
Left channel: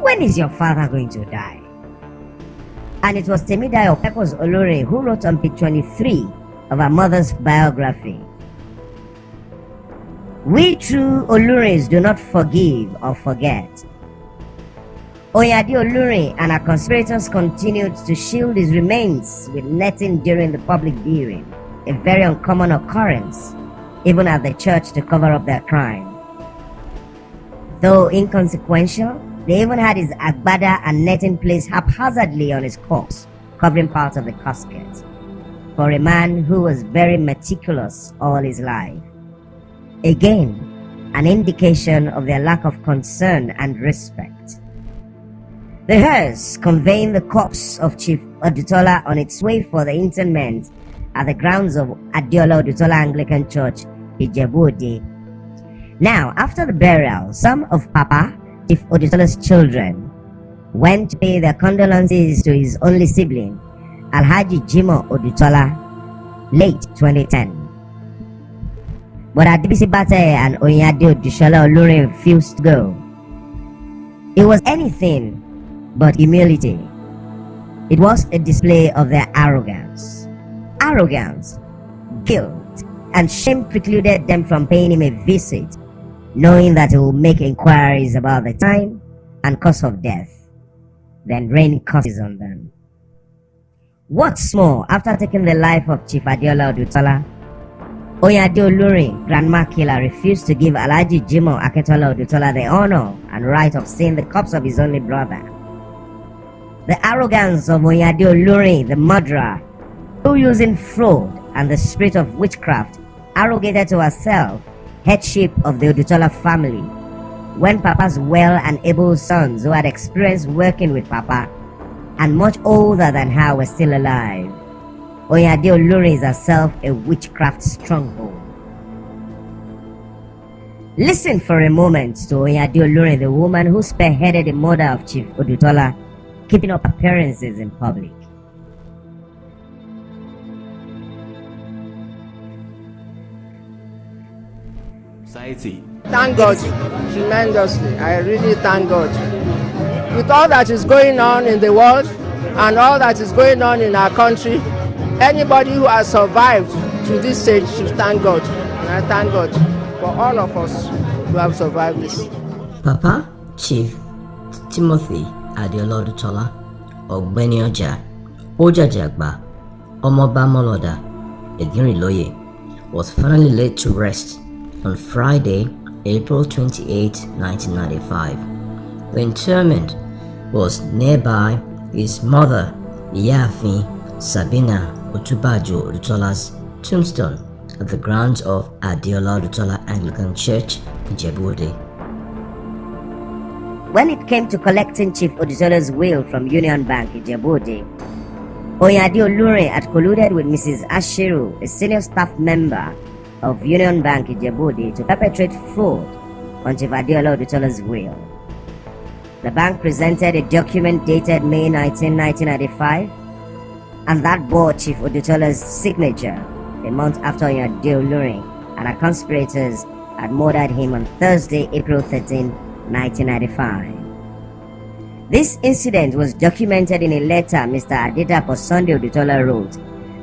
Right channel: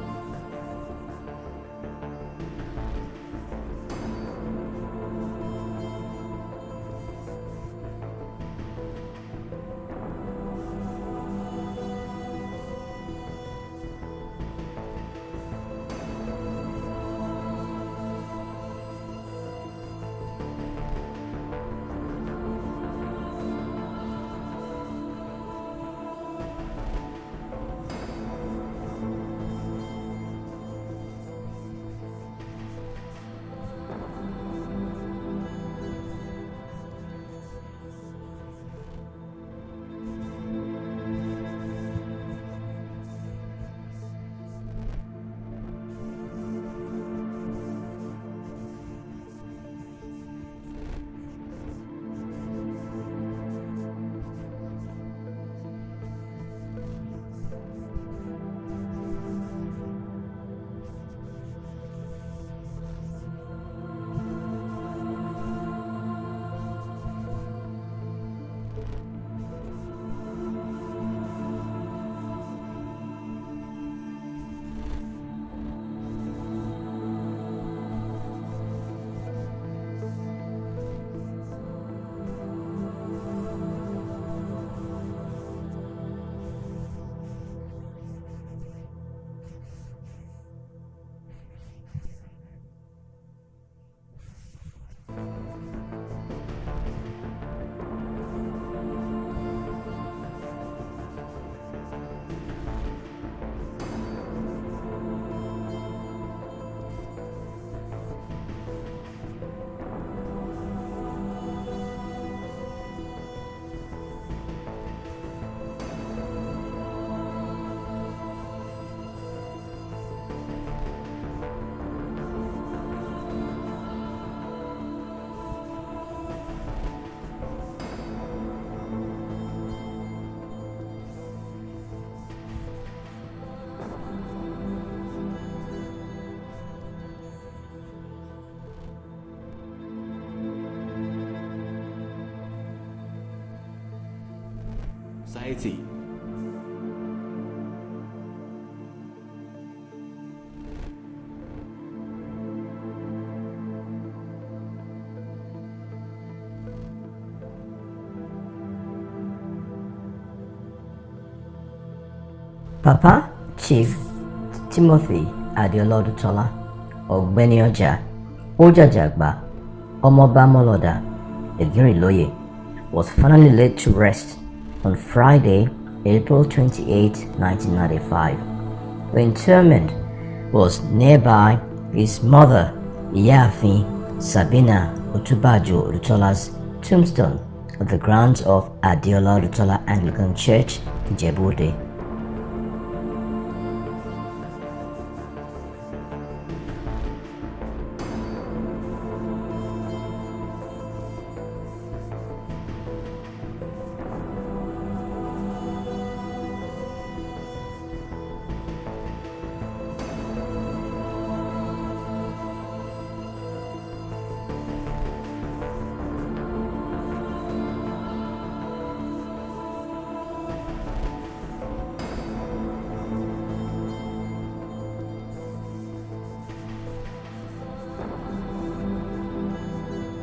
"When is your father going to die?" And it was Temidayo Olurin who wrote on page 23 of her mother's biography, "We true Olurins do not forgive or forget." Oyinade Olurin and her conspirators continued to shield his remains with netting during the public viewing, a very uncommon occurrence, even at the church, to cover up their crime. Though inconsequential, they even had his agbada and netting placed haphazardly on his corpse, covering part of the casket, for a man who was very meticulous all his life. Again, an indication of their lack of concern and respect. The hearse conveying the corpse of Chief Odutola on its way for the interment at the grounds of Adeola Odutola Anglican Church, Ijebu-Ode. Now, after the burial, some of Papa, Chief Odutola's children, went to pay their condolences to his only sibling, Alhaji Jimoh Odutola, late 2010. But Adebisi Bate and Oyinade Olurin refused to go. It was anything but humility. It was a display of their arrogance. Arrogance, guilt, and shame precluded them from paying him a visit, knowing that he would make inquiries about the time and cause of death, then rain curses on them. What's more, after taking the life of Chief Adeola Odutola, Oyinade Olurin, grandma killer, refused to give Alhaji Jimoh Akintola Odutola the honor and right of seeing the corpse of his only brother. The arrogance of Oyinade Olurin, the murderer, who using fraud and the spirit of witchcraft arrogated to herself headship of the Odutola family, when Papa's well and able sons who had experience working with Papa and much older than her were still alive. Oyinade Olurin is herself a witchcraft stronghold. Listen for a moment to Oyinade Olurin, the woman who spearheaded the murder of Chief Odutola, keeping up appearances in public. Society. Thank God tremendously. I really thank God. With all that is going on in the world and all that is going on in our country, anybody who has survived to this stage should thank God. And I thank God for all of us who have survived this. Papa, Chief Timothy Adeola Odutola, Ọ̀gbẹ́ni Ọjà, Ojajagba, Ọmọba Moloda, Egirinloye, was finally laid to rest on Friday, April 28, 1995. The interment was nearby his mother, Iyaafin Sabina Otunbajo Odutola's tombstone at the grounds of Adeola Odutola Anglican Church, Ijebu-Ode. When it came to collecting Chief Odutola's will from Union Bank, Ijebu-Ode, Oyinade Olurin had colluded with Mrs. Ashiru, a senior staff member of Union Bank, Ijebu-Ode, to perpetrate fraud on Chief Adeola Odutola's will. The bank presented a document dated May 19, 1995, and that bore Chief Odutola's signature a month after Oyinade Olurin and her conspirators had murdered him on Thursday, April 13, 1995. This incident was documented in a letter Mr. Adedapo Sunday Odutola wrote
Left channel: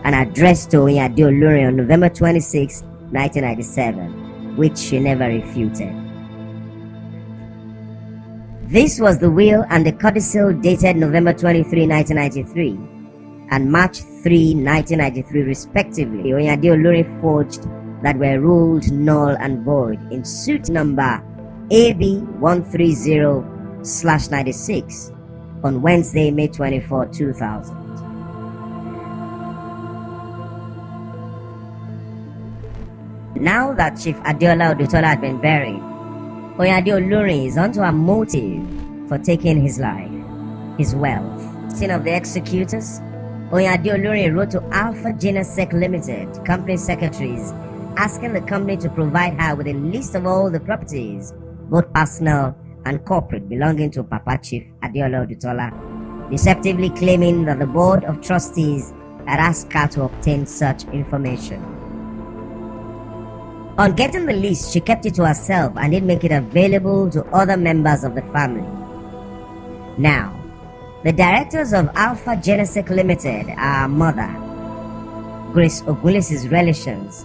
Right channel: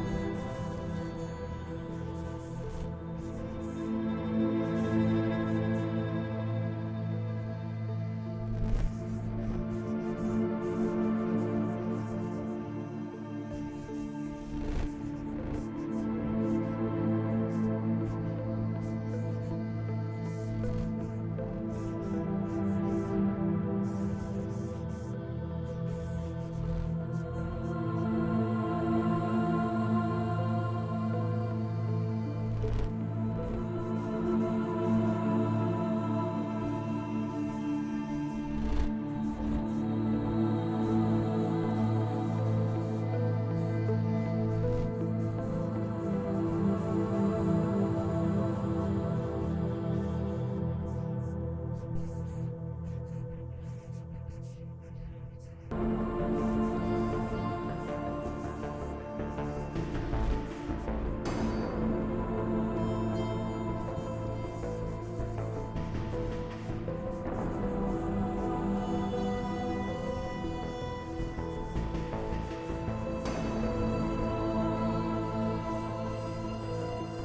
and addressed to Oyinade Olurin on November 26, 1997, which she never refuted. This was the will and the codicil dated November 23, 1993 and March 3, 1993 respectively. Oyinade Olurin forged that were ruled null and void in suit number AB 130/96 on Wednesday, May 24, 2000. Now that Chief Adeola Odutola had been buried, Oyinade Olurin is onto a motive for taking his life, his wealth. Scene of the executors, Oyinade Olurin wrote to Alpha Genusec Limited, company secretaries, asking the company to provide her with a list of all the properties, both personal and corporate, belonging to Papa Chief Adeola Odutola, deceptively claiming that the board of trustees had asked her to obtain such information. On getting the list, she kept it to herself and didn't make it available to other members of the family. Now, The directors of Alpha Genesec Limited are mother, Grace Ogunlesi's relations,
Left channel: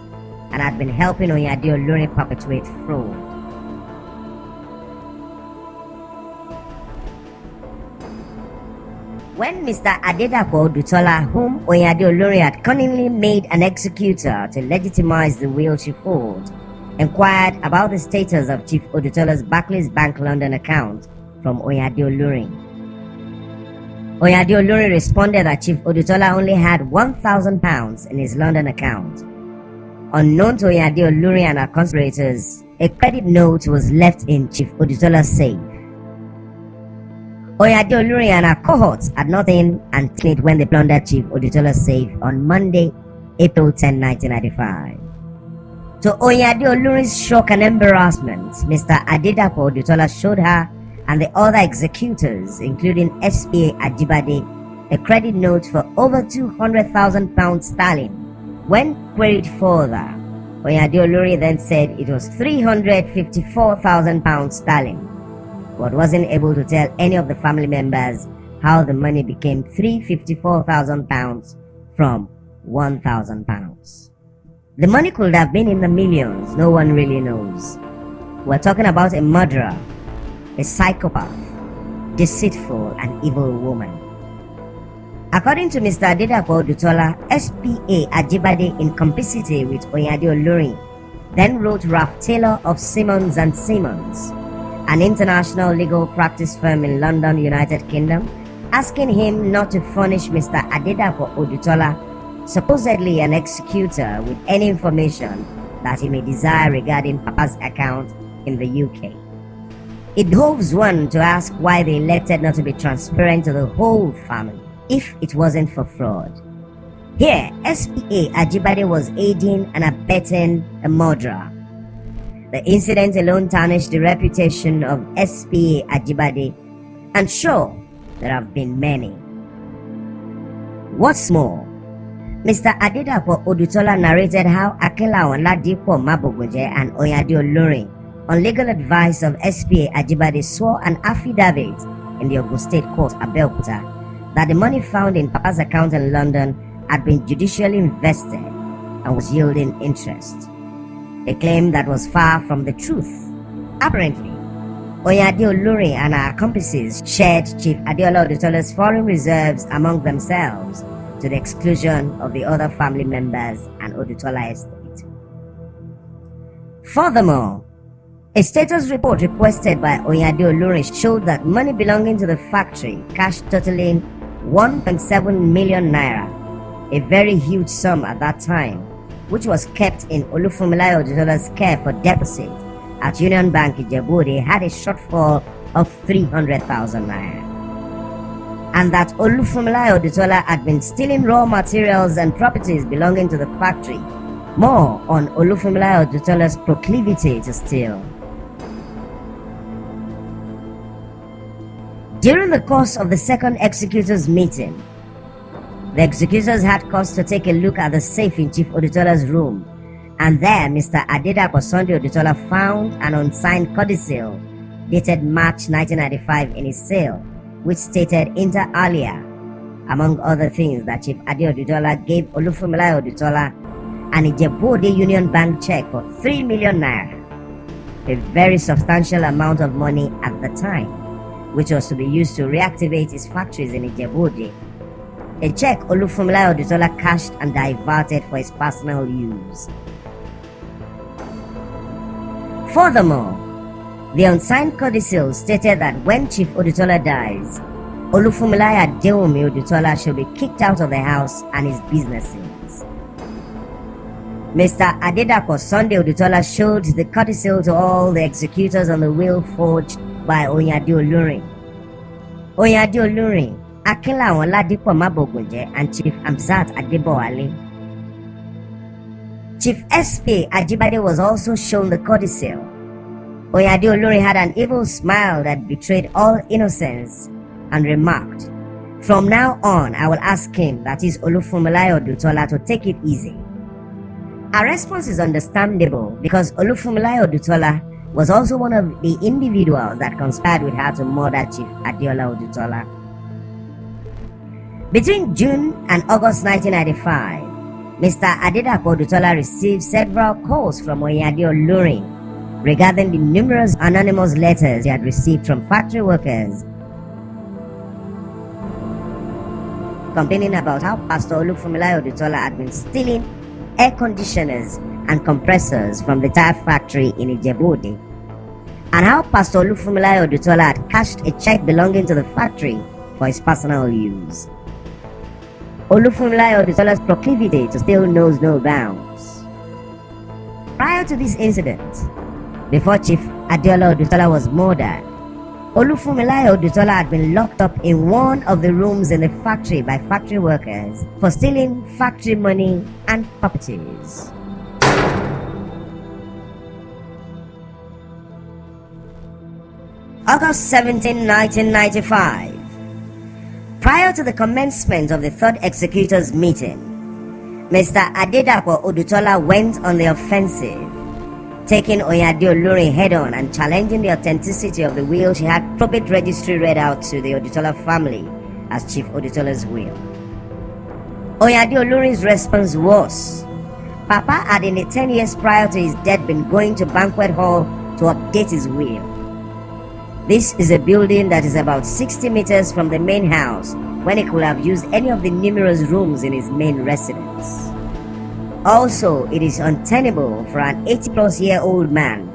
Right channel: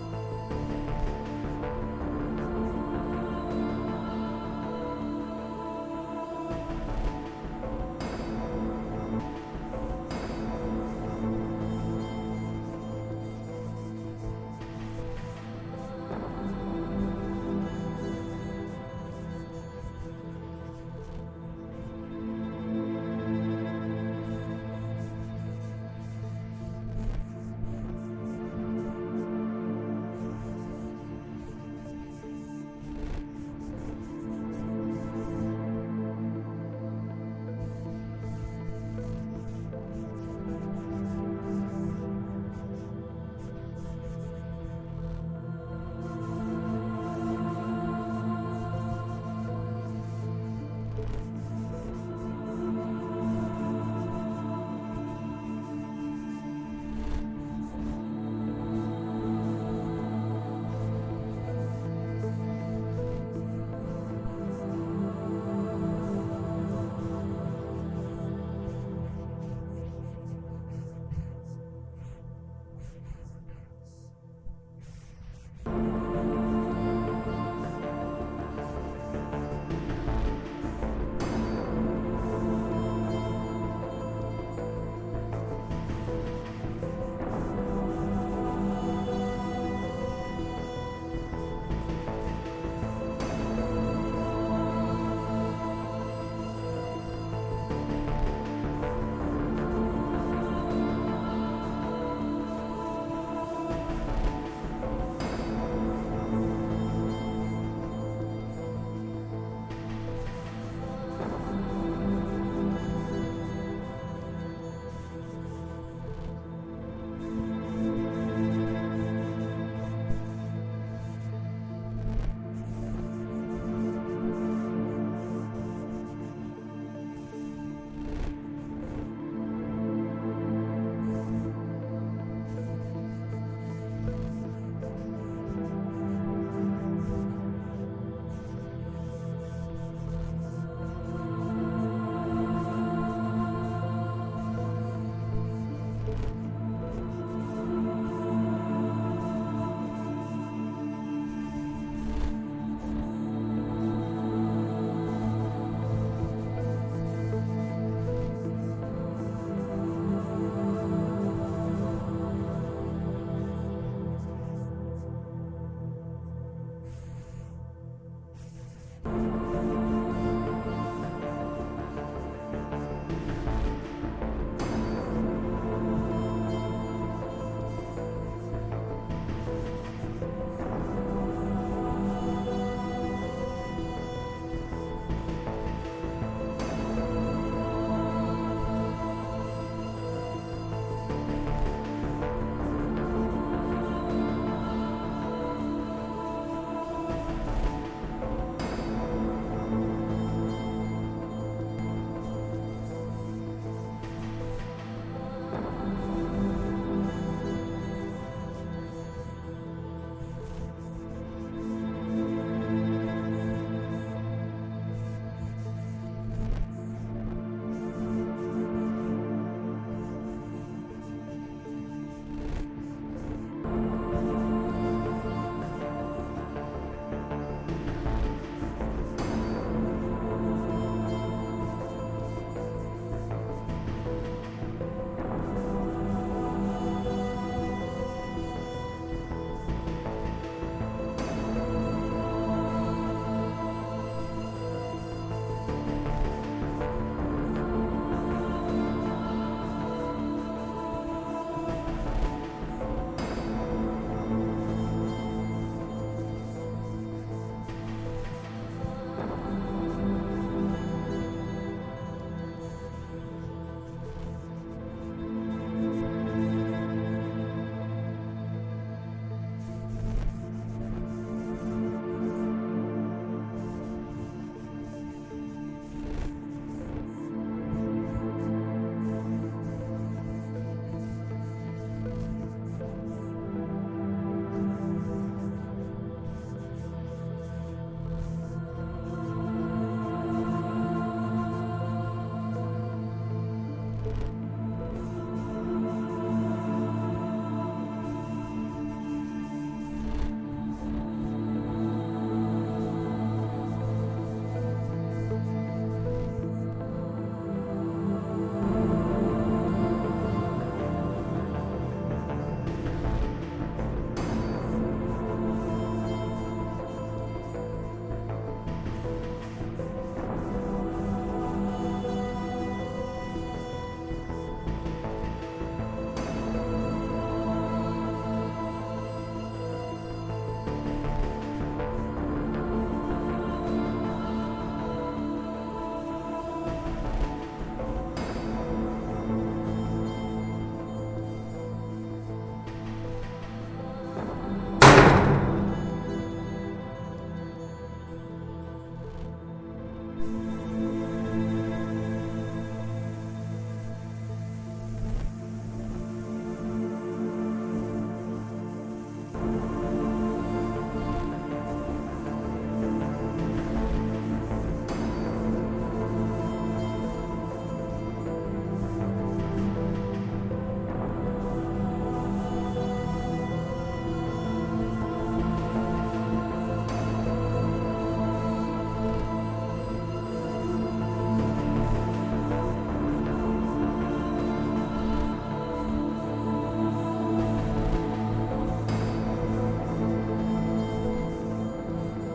and had been helping Oyinade Olurin perpetuate fraud. When Mr. Adedapo Odutola, whom Oyinade Olurin had cunningly made an executor to legitimize the will she forged, inquired about the status of Chief Odutola's Barclays Bank London account from Oyinade Olurin. Oyinade Olurin responded that Chief Odutola only had £1,000 in his London account. Unknown to Oyinade Olurin and her conspirators, a credit note was left in Chief Odutola's safe. Oyinade Olurin and her cohorts had nothing and it when they plundered Chief Odutola's safe on Monday, April 10, 1995. To Oyinade Olurin's shock and embarrassment, Mr. Adedapo Odutola showed her and the other executors, including SPA Ajiboade, a credit note for over £200,000 sterling. When queried further, Oyinade Olurin then said it was £354,000 sterling, but wasn't able to tell any of the family members how the money became £354,000 from £1,000. The money could have been in the millions, no one really knows. We're talking about a murderer, a psychopath, deceitful and evil woman. According to Mr. Adedapo Odutola, SPA Ajiboade, in complicity with Oyinade Olurin, then wrote Ralph Taylor of Simmons & Simmons, an international legal practice firm in London, United Kingdom, asking him not to furnish Mr. Adedapo Odutola, supposedly an executor, with any information that he may desire regarding Papa's account in the UK. It behoves one to ask why they elected not to be transparent to the whole family if it wasn't for fraud. Here, SPA Ajiboade was aiding and abetting a murderer. The incident alone tarnished the reputation of SPA Ajiboade, and sure, there have been many. What's more, Mr. Adedapo Odutola narrated how Akinlayo Oladipo Mabogunje and Oyinade Olurin, on legal advice of SPA Ajiboade, swore an affidavit in the Ogun State Court, Abeokuta, that the money found in Papa's account in London had been judicially invested and was yielding interest. A claim that was far from the truth. Apparently, Oyinade Olurin and her accomplices shared Chief Adeola Odutola's foreign reserves among themselves to the exclusion of the other family members and Odutola estate. Furthermore, a status report requested by Oyinade Olurin showed that money belonging to the factory, cash totaling 1.7 million naira, a very huge sum at that time, which was kept in Olufunmilayo Odutola's care for deposit at Union Bank Ijebu-Ode, had a shortfall of 300,000 naira. And that Olufunmilayo Odutola had been stealing raw materials and properties belonging to the factory. More on Olufunmilayo Odutola's proclivity to steal. During the course of the second executors' meeting, the executors had cause to take a look at the safe in Chief Odutola's room, and there Mr. Adedapo Sunday Odutola found an unsigned codicil dated March 1995 in his cell, which stated inter alia, among other things, that Chief Adeola Odutola gave Olufunmilayo Odutola an Ijebu-Ode Union Bank check for 3 million naira, a very substantial amount of money at the time, which was to be used to reactivate his factories in Ijebu-Ode. A check Olufunmilayo Odutola cashed and diverted for his personal use. Furthermore, the unsigned codicil stated that when Chief Odutola dies, Olufunmilayo Adewunmi Odutola should be kicked out of the house and his businesses. Mr. Adedapo Sunday Odutola showed the codicil to all the executors on the will forged by Oyinade Olurin. Oyinade Olurin, Akinlayo Oladipo Mabogunje, and Chief Amzat Adebowale. Chief SP Ajiboade was also shown the codicil. Oyinade Olurin had an evil smile that betrayed all innocence and remarked, "From now on, I will ask him, that is Olufunmilayo Odutola, to take it easy." Our response is understandable because Olufunmilayo Odutola was also one of the individuals that conspired with her to murder Chief Adeola Odutola. Between June and August 1995, Mr. Adedapo Odutola received several calls from Oyinade Olurin regarding the numerous anonymous letters he had received from factory workers complaining about how Pastor Olufunmilayo Odutola had been stealing air conditioners and compressors from the tire factory in Ijebu-Ode, and how Pastor Olufunmilayo Odutola had cashed a check belonging to the factory for his personal use. Olufunmilayo Odutola's proclivity to steal knows no bounds. Prior to this incident, before Chief Adeola Odutola was murdered, Olufunmilayo Odutola had been locked up in one of the rooms in the factory by factory workers for stealing factory money and properties. August 17, 1995. Prior to the commencement of the third executors meeting, Mr. Adedapo Odutola went on the offensive, taking Oyinade Olurin head-on and challenging the authenticity of the will she had probate registry read out to the Odutola family as Chief Odutola's will. Oyinade Olurin's response was, Papa had in the 10 years prior to his death been going to banquet hall to update his will. This is a building that is about 60 meters from the main house when he could have used any of the numerous rooms in his main residence. Also, it is untenable for an 80-plus-year-old man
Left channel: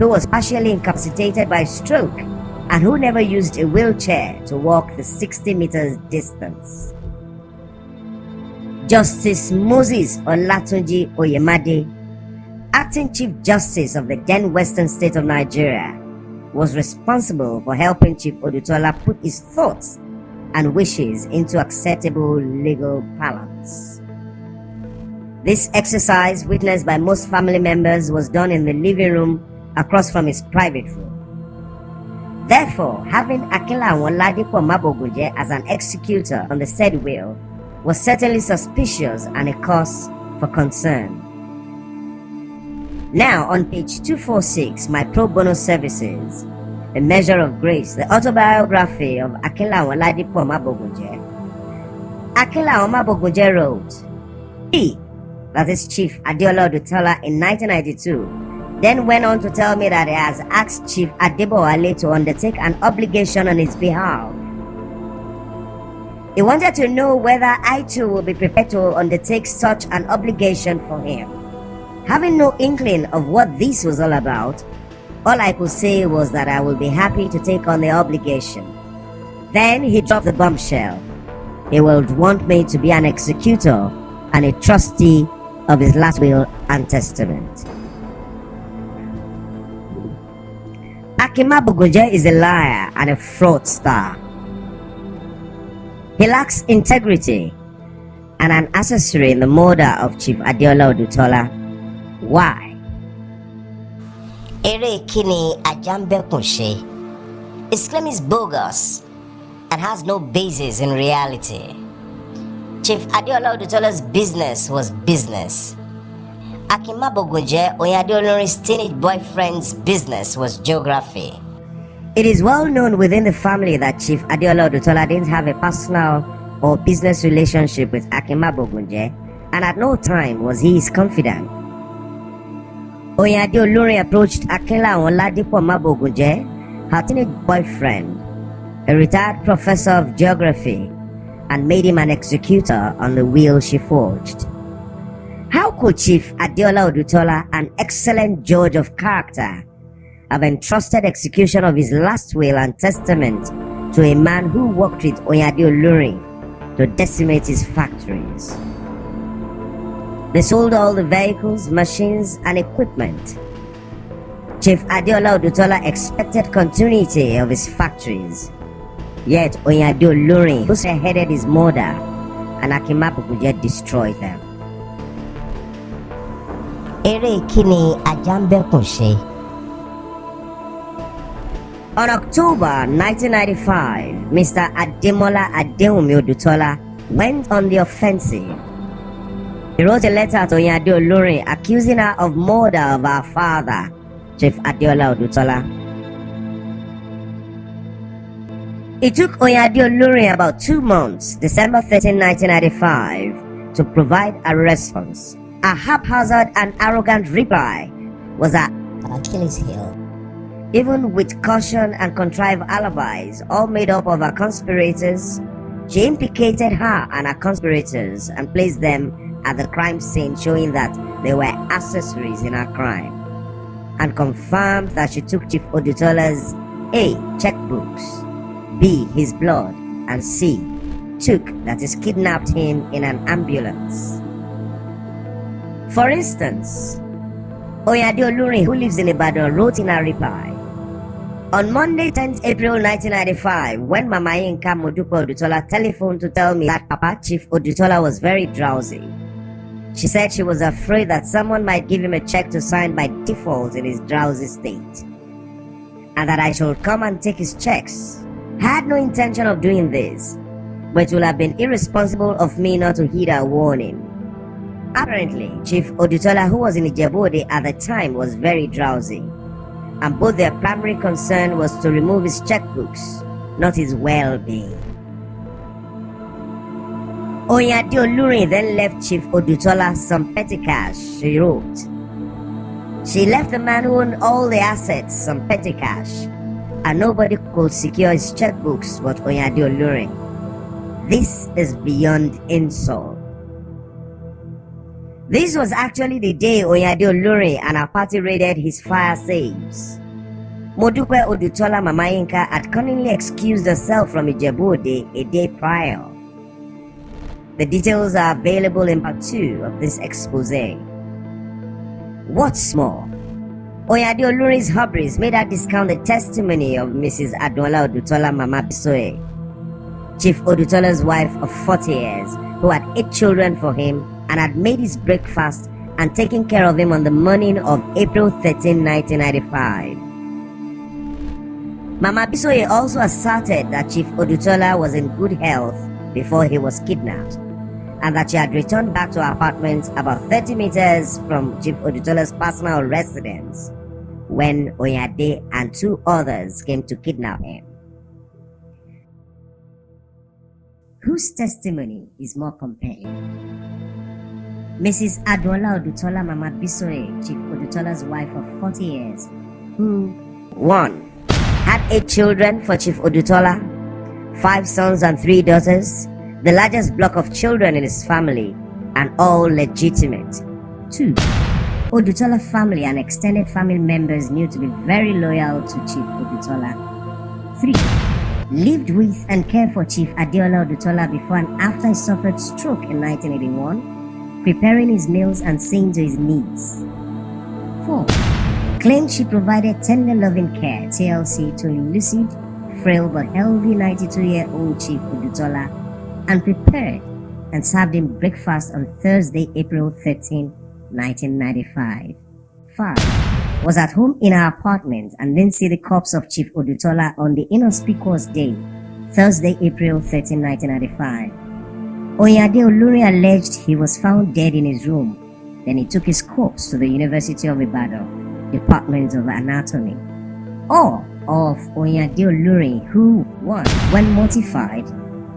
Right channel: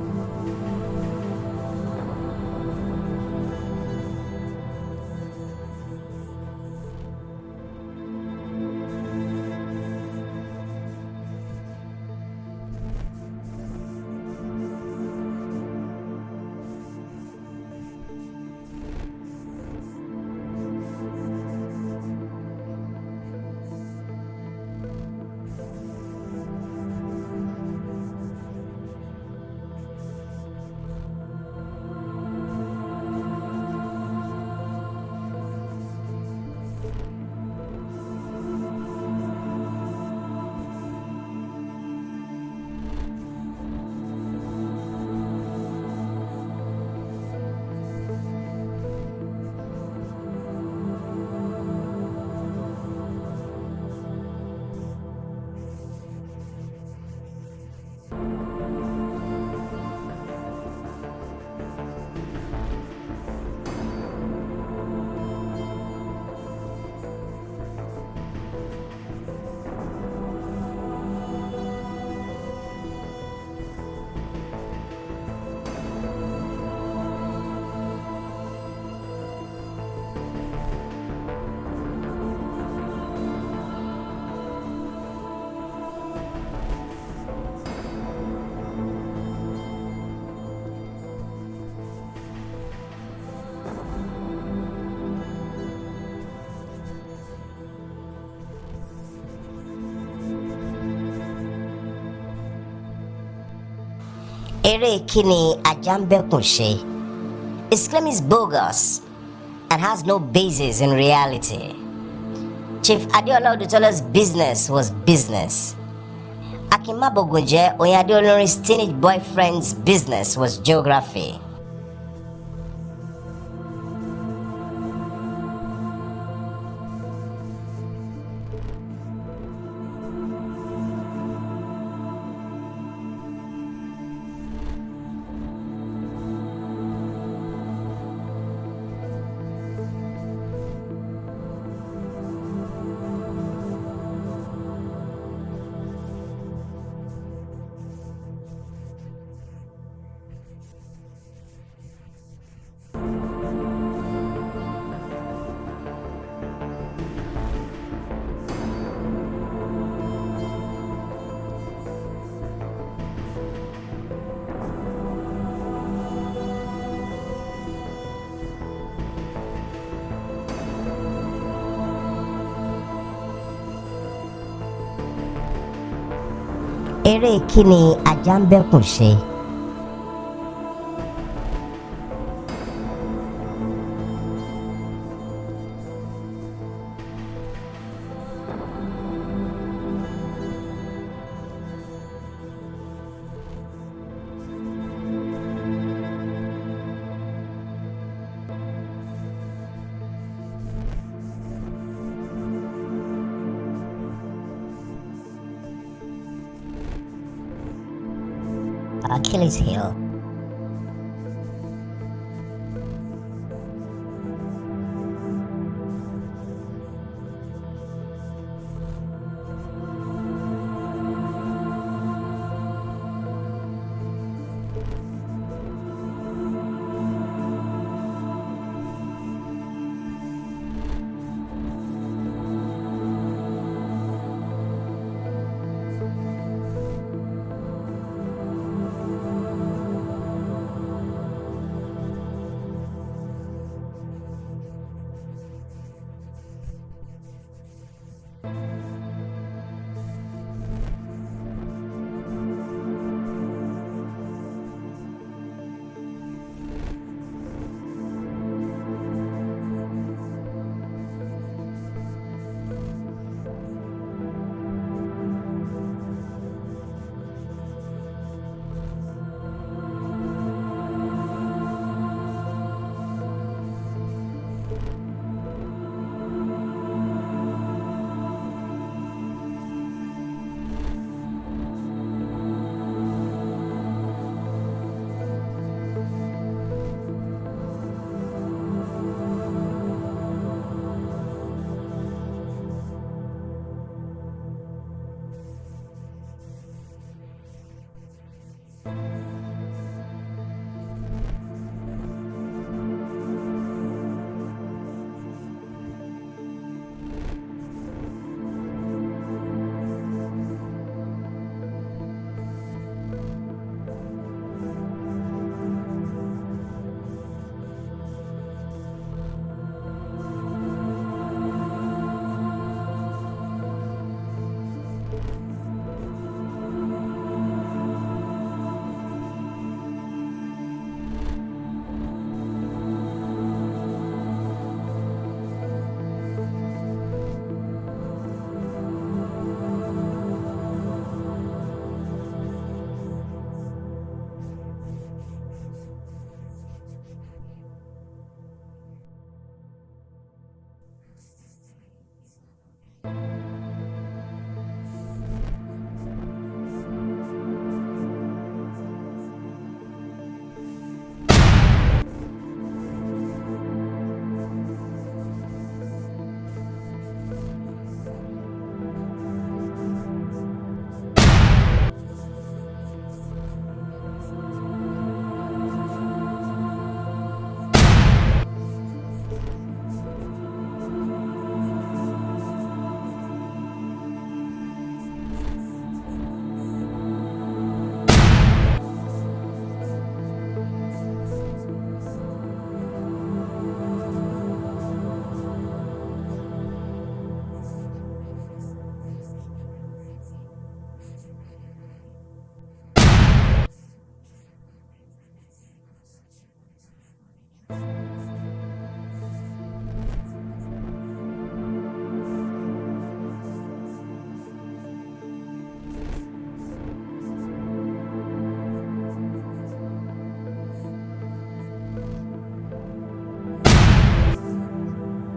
who was partially incapacitated by stroke and who never used a wheelchair to walk the 60 meters distance. Justice Moses Olatunji Oyemade, acting Chief Justice of the then Western State of Nigeria, was responsible for helping Chief Odutola put his thoughts and wishes into acceptable legal parlance. This exercise, witnessed by most family members, was done in the living room across from his private room. Therefore, having Akinla Oladipo Mabogunje as an executor on the said will was certainly suspicious and a cause for concern. Now, on page 246, my pro bono services, A Measure of Grace, the autobiography of Akinla Oladipo Mabogunje. Akinla Mabogunje wrote, He, that is Chief Adeola Odutola in 1992, then went on to tell me that he has asked Chief Adebo to undertake an obligation on his behalf. He wanted to know whether I too will be prepared to undertake such an obligation for him. Having no inkling of what this was all about, all I could say was that I will be happy to take on the obligation. Then he dropped the bombshell. He will want me to be an executor and a trustee of his last will and testament. Mabogunje is a liar and a fraudster. He lacks integrity and an accessory in the murder of Chief Adeola Odutola. Why? Ere kini ajambekunshe. His claim is bogus and has no basis in reality. Chief Adeola Odutola's business was business. Mabogunje, Oyinade Olurin's teenage boyfriend's business was geography. It is well known within the family that Chief Adeola Odutola didn't have a personal or business relationship with Mabogunje, and at no time was he his confidant. Oyinade Olurin approached Akinla Oladipo Mabogunje, her teenage boyfriend, a retired professor of geography, and made him an executor on the will she forged. How could Chief Adeola Odutola, an excellent judge of character, have entrusted execution of his last will and testament to a man who worked with Oyinade Olurin to decimate his factories? They sold all the vehicles, machines, and equipment. Chief Adeola Odutola expected continuity of his factories. Yet Oyinade Olurin, who spearheaded his murder, and Mabogunje destroyed them. Ere kini ajambekunshe. On October 1995, Mr. Ademola Adewunmi Odutola went on the offensive. He wrote a letter to Oyinade Olurin accusing her of murder of her father, Chief Adeola Odutola. It took Oyinade Olurin about 2 months, December 13, 1995, to provide a response. A haphazard and arrogant reply was her Achilles heel. even with caution and contrived alibis, all made up of her conspirators. She implicated her and her conspirators and placed them at the crime scene, showing that they were accessories in her crime, and confirmed that she took Chief Odutola's A. checkbooks, B. his blood, and C. took, that is, kidnapped him in an ambulance. For instance, Oyinade Olurin, who lives in Ibadan, wrote in her reply, on Monday, 10th April 1995, when Mama Yinka Modupe Odutola telephoned to tell me that Papa Chief Odutola was very drowsy. She said she was afraid that someone might give him a check to sign by default in his drowsy state, and that I should come and take his checks. I had no intention of doing this, but it would have been irresponsible of me not to heed her warning. Apparently, Chief Odutola, who was in Ijebu-Ode at the time, was very drowsy, and both their primary concern was to remove his checkbooks, not his well-being. Oyinade Olurin then left Chief Odutola some petty cash, she wrote. She left the man who owned all the assets some petty cash, and nobody could secure his checkbooks but Oyinade Olurin. This is beyond insult. This was actually the day Oyinade Olurin and her party raided his fire safes. Modupe Odutola Mama Yinka had cunningly excused herself from Ijebu-Ode a day prior. The details are available in part 2 of this exposé. What's more, Oyinade Olurin's hubris made her discount the testimony of Mrs. Adeola Odutola Mama Bisoye, Chief Odutola's wife of 40 years, who had 8 children for him and had made his breakfast and taken care of him on the morning of April 13, 1995. Mama Bisoye also asserted that Chief Odutola was in good health before he was kidnapped, and that she had returned back to her apartment about 30 meters from Chief Odutola's personal residence when Oyinade and 2 others came to kidnap him. Whose testimony is more compelling? Mrs. Adeola Odutola Mama Bisoye, Chief Odutola's wife of 40 years, who 1. had 8 children for Chief Odutola, 5 sons and 3 daughters, the largest block of children in his family, and all legitimate. 2. Odutola family and extended family members knew to be very loyal to Chief Odutola. 3. Lived with and cared for Chief Adeola Odutola before and after he suffered stroke in 1981, preparing his meals and seeing to his needs. 4. Claimed she provided tender loving care, TLC, to a lucid, frail but healthy 92-year-old Chief Odutola, and prepared and served him breakfast on Thursday, April 13, 1995. 5. Was at home in her apartment and didn't see the corpse of Chief Odutola on the inauspicious day, Thursday, April 13, 1995. Oyinade Olurin alleged he was found dead in his room. Then he took his corpse to the University of Ibadan, Department of Anatomy. Or of Oyinade Olurin, who, 1. when mortified,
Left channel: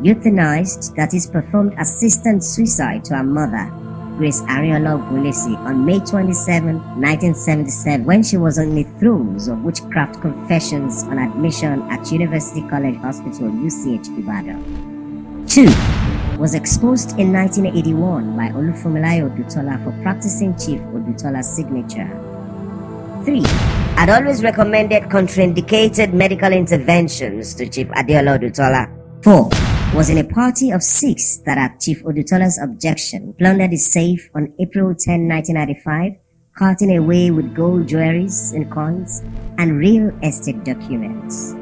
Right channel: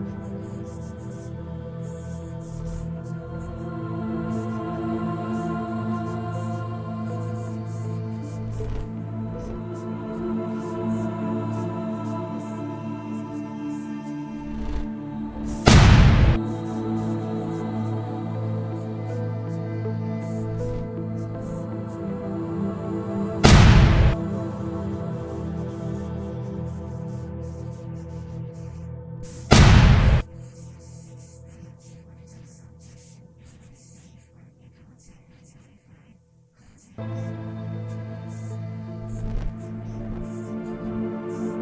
euthanized, that is, performed assisted suicide to her mother, Grace Ariola Ogulesi, on May 27, 1977, when she was on the throes of witchcraft confessions on admission at University College Hospital, UCH, Ibadan. 2. Was exposed in 1981 by Olufunmilayo Odutola for practicing Chief Odutola's signature. 3. Had always recommended contraindicated medical interventions to Chief Adeola Odutola. 4. Was in a party of 6 that at Chief Odutola's objection plundered his safe on April 10, 1995, carting away with gold jewelries and coins and real estate documents.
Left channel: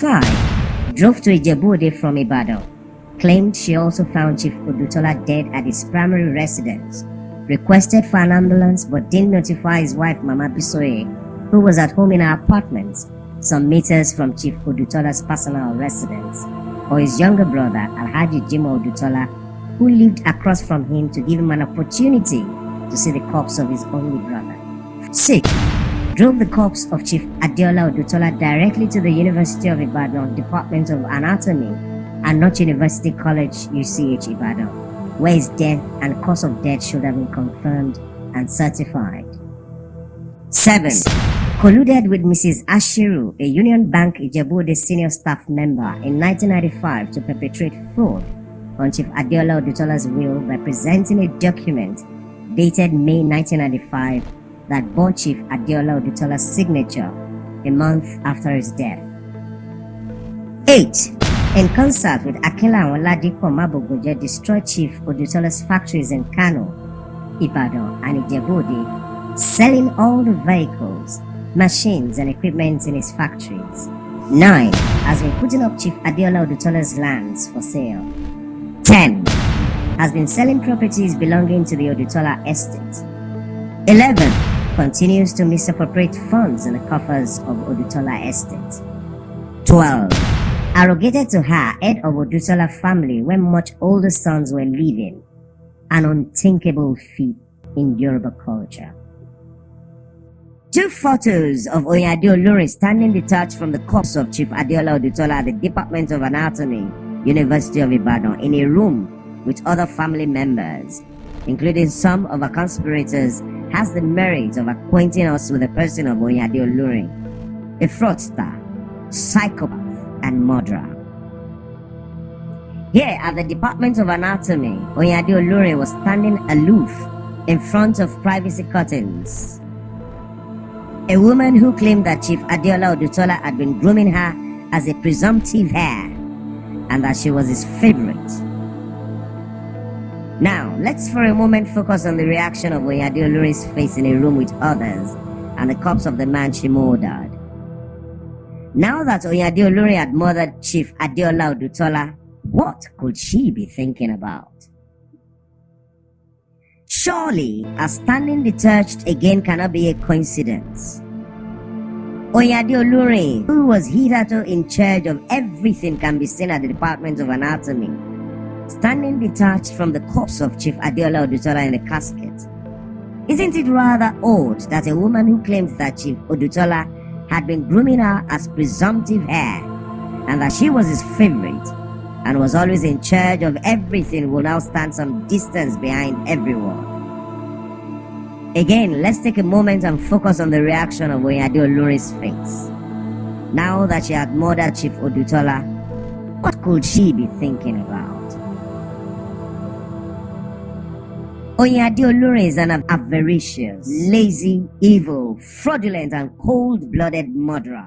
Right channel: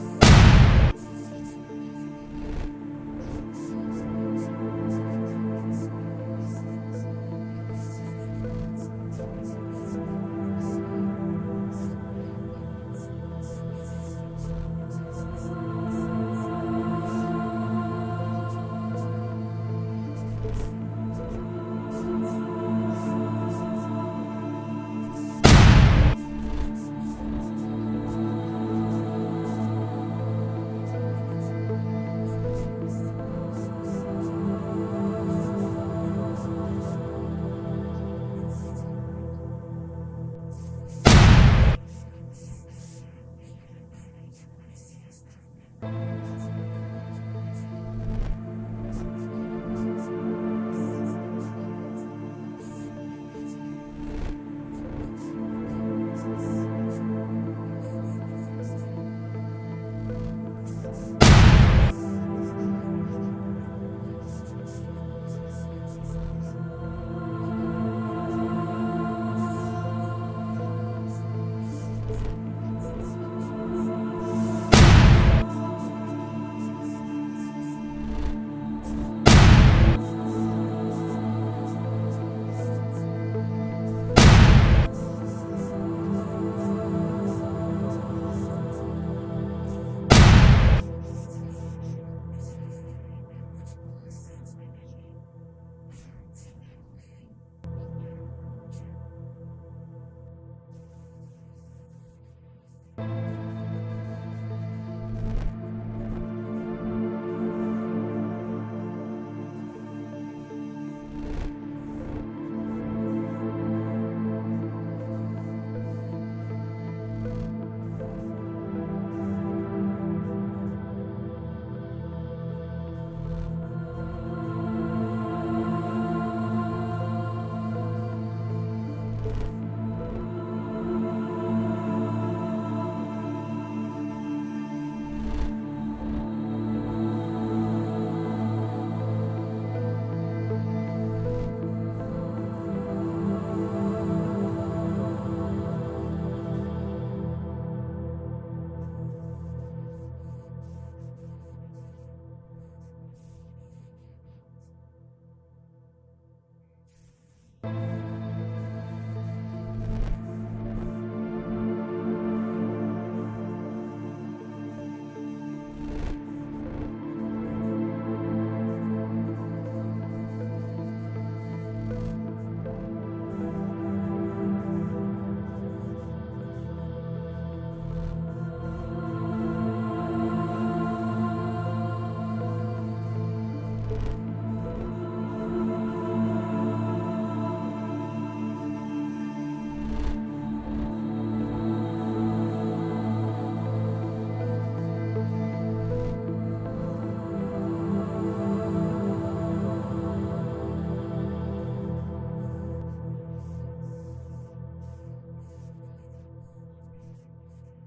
5. Drove to Ijebu-Ode from Ibadan. Claimed she also found Chief Odutola dead at his primary residence. Requested for an ambulance but didn't notify his wife Mama Bisoye, who was at home in her apartment, some meters from Chief Odutola's personal residence, or his younger brother Alhaji Ijebu-Ode Odutola, who lived across from him to give him an opportunity to see the corpse of his only brother. 6. drove the corpse of Chief Adeola Odutola directly to the University of Ibadan Department of Anatomy and not University College UCH Ibadan, where his death and cause of death should have been confirmed and certified. 7. Colluded with Mrs. Ashiru, a Union Bank Ijebu-Ode senior staff member, in 1995 to perpetrate fraud on Chief Adeola Odutola's will by presenting a document dated May 1995 that bore Chief Adeola Odutola's signature a month after his death. 8. In concert with Akila and Oladipo Mabogunje, destroyed Chief Odutola's factories in Kano, Ibadan, and Ijebu-Ode, selling all the vehicles, machines, and equipment in his factories. 9. Has been putting up Chief Adeola Odutola's lands for sale. 10. Has been selling properties belonging to the Odutola estate. 11. Continues to misappropriate funds in the coffers of Odutola estate. 12. Arrogated to her head of Odutola family when much older sons were living, an unthinkable feat in Yoruba culture. 2 photos of Oyinade Olurin standing detached from the corpse of Chief Adeola Odutola at the Department of Anatomy, University of Ibadan, in a room with other family members, including some of our conspirators, has the merit of acquainting us with the person of Oyinade Olurin, a fraudster, psychopath, and murderer. Here at the Department of Anatomy, Oyinade Olurin was standing aloof in front of privacy curtains. A woman who claimed that Chief Adeola Odutola had been grooming her as a presumptive heir and that she was his favorite. Now, let's for a moment focus on the reaction of Oyinade Olurin's face in a room with others and the corpse of the man she murdered. Now that Oyinade Olurin had murdered Chief Adeola Odutola, what could she be thinking about? Surely, her standing detached again cannot be a coincidence. Oyinade Olurin, who was hitherto in charge of everything, can be seen at the Department of Anatomy, standing detached from the corpse of Chief Adeola Odutola in a casket. Isn't it rather odd that a woman who claims that Chief Odutola had been grooming her as presumptive heir and that she was his favorite and was always in charge of everything will now stand some distance behind everyone? Again, let's take a moment and focus on the reaction of Oyinade Olurin's face. Now that she had murdered Chief Odutola, what could she be thinking about? Oyinade Olurin is an avaricious, lazy, evil, fraudulent, and cold-blooded murderer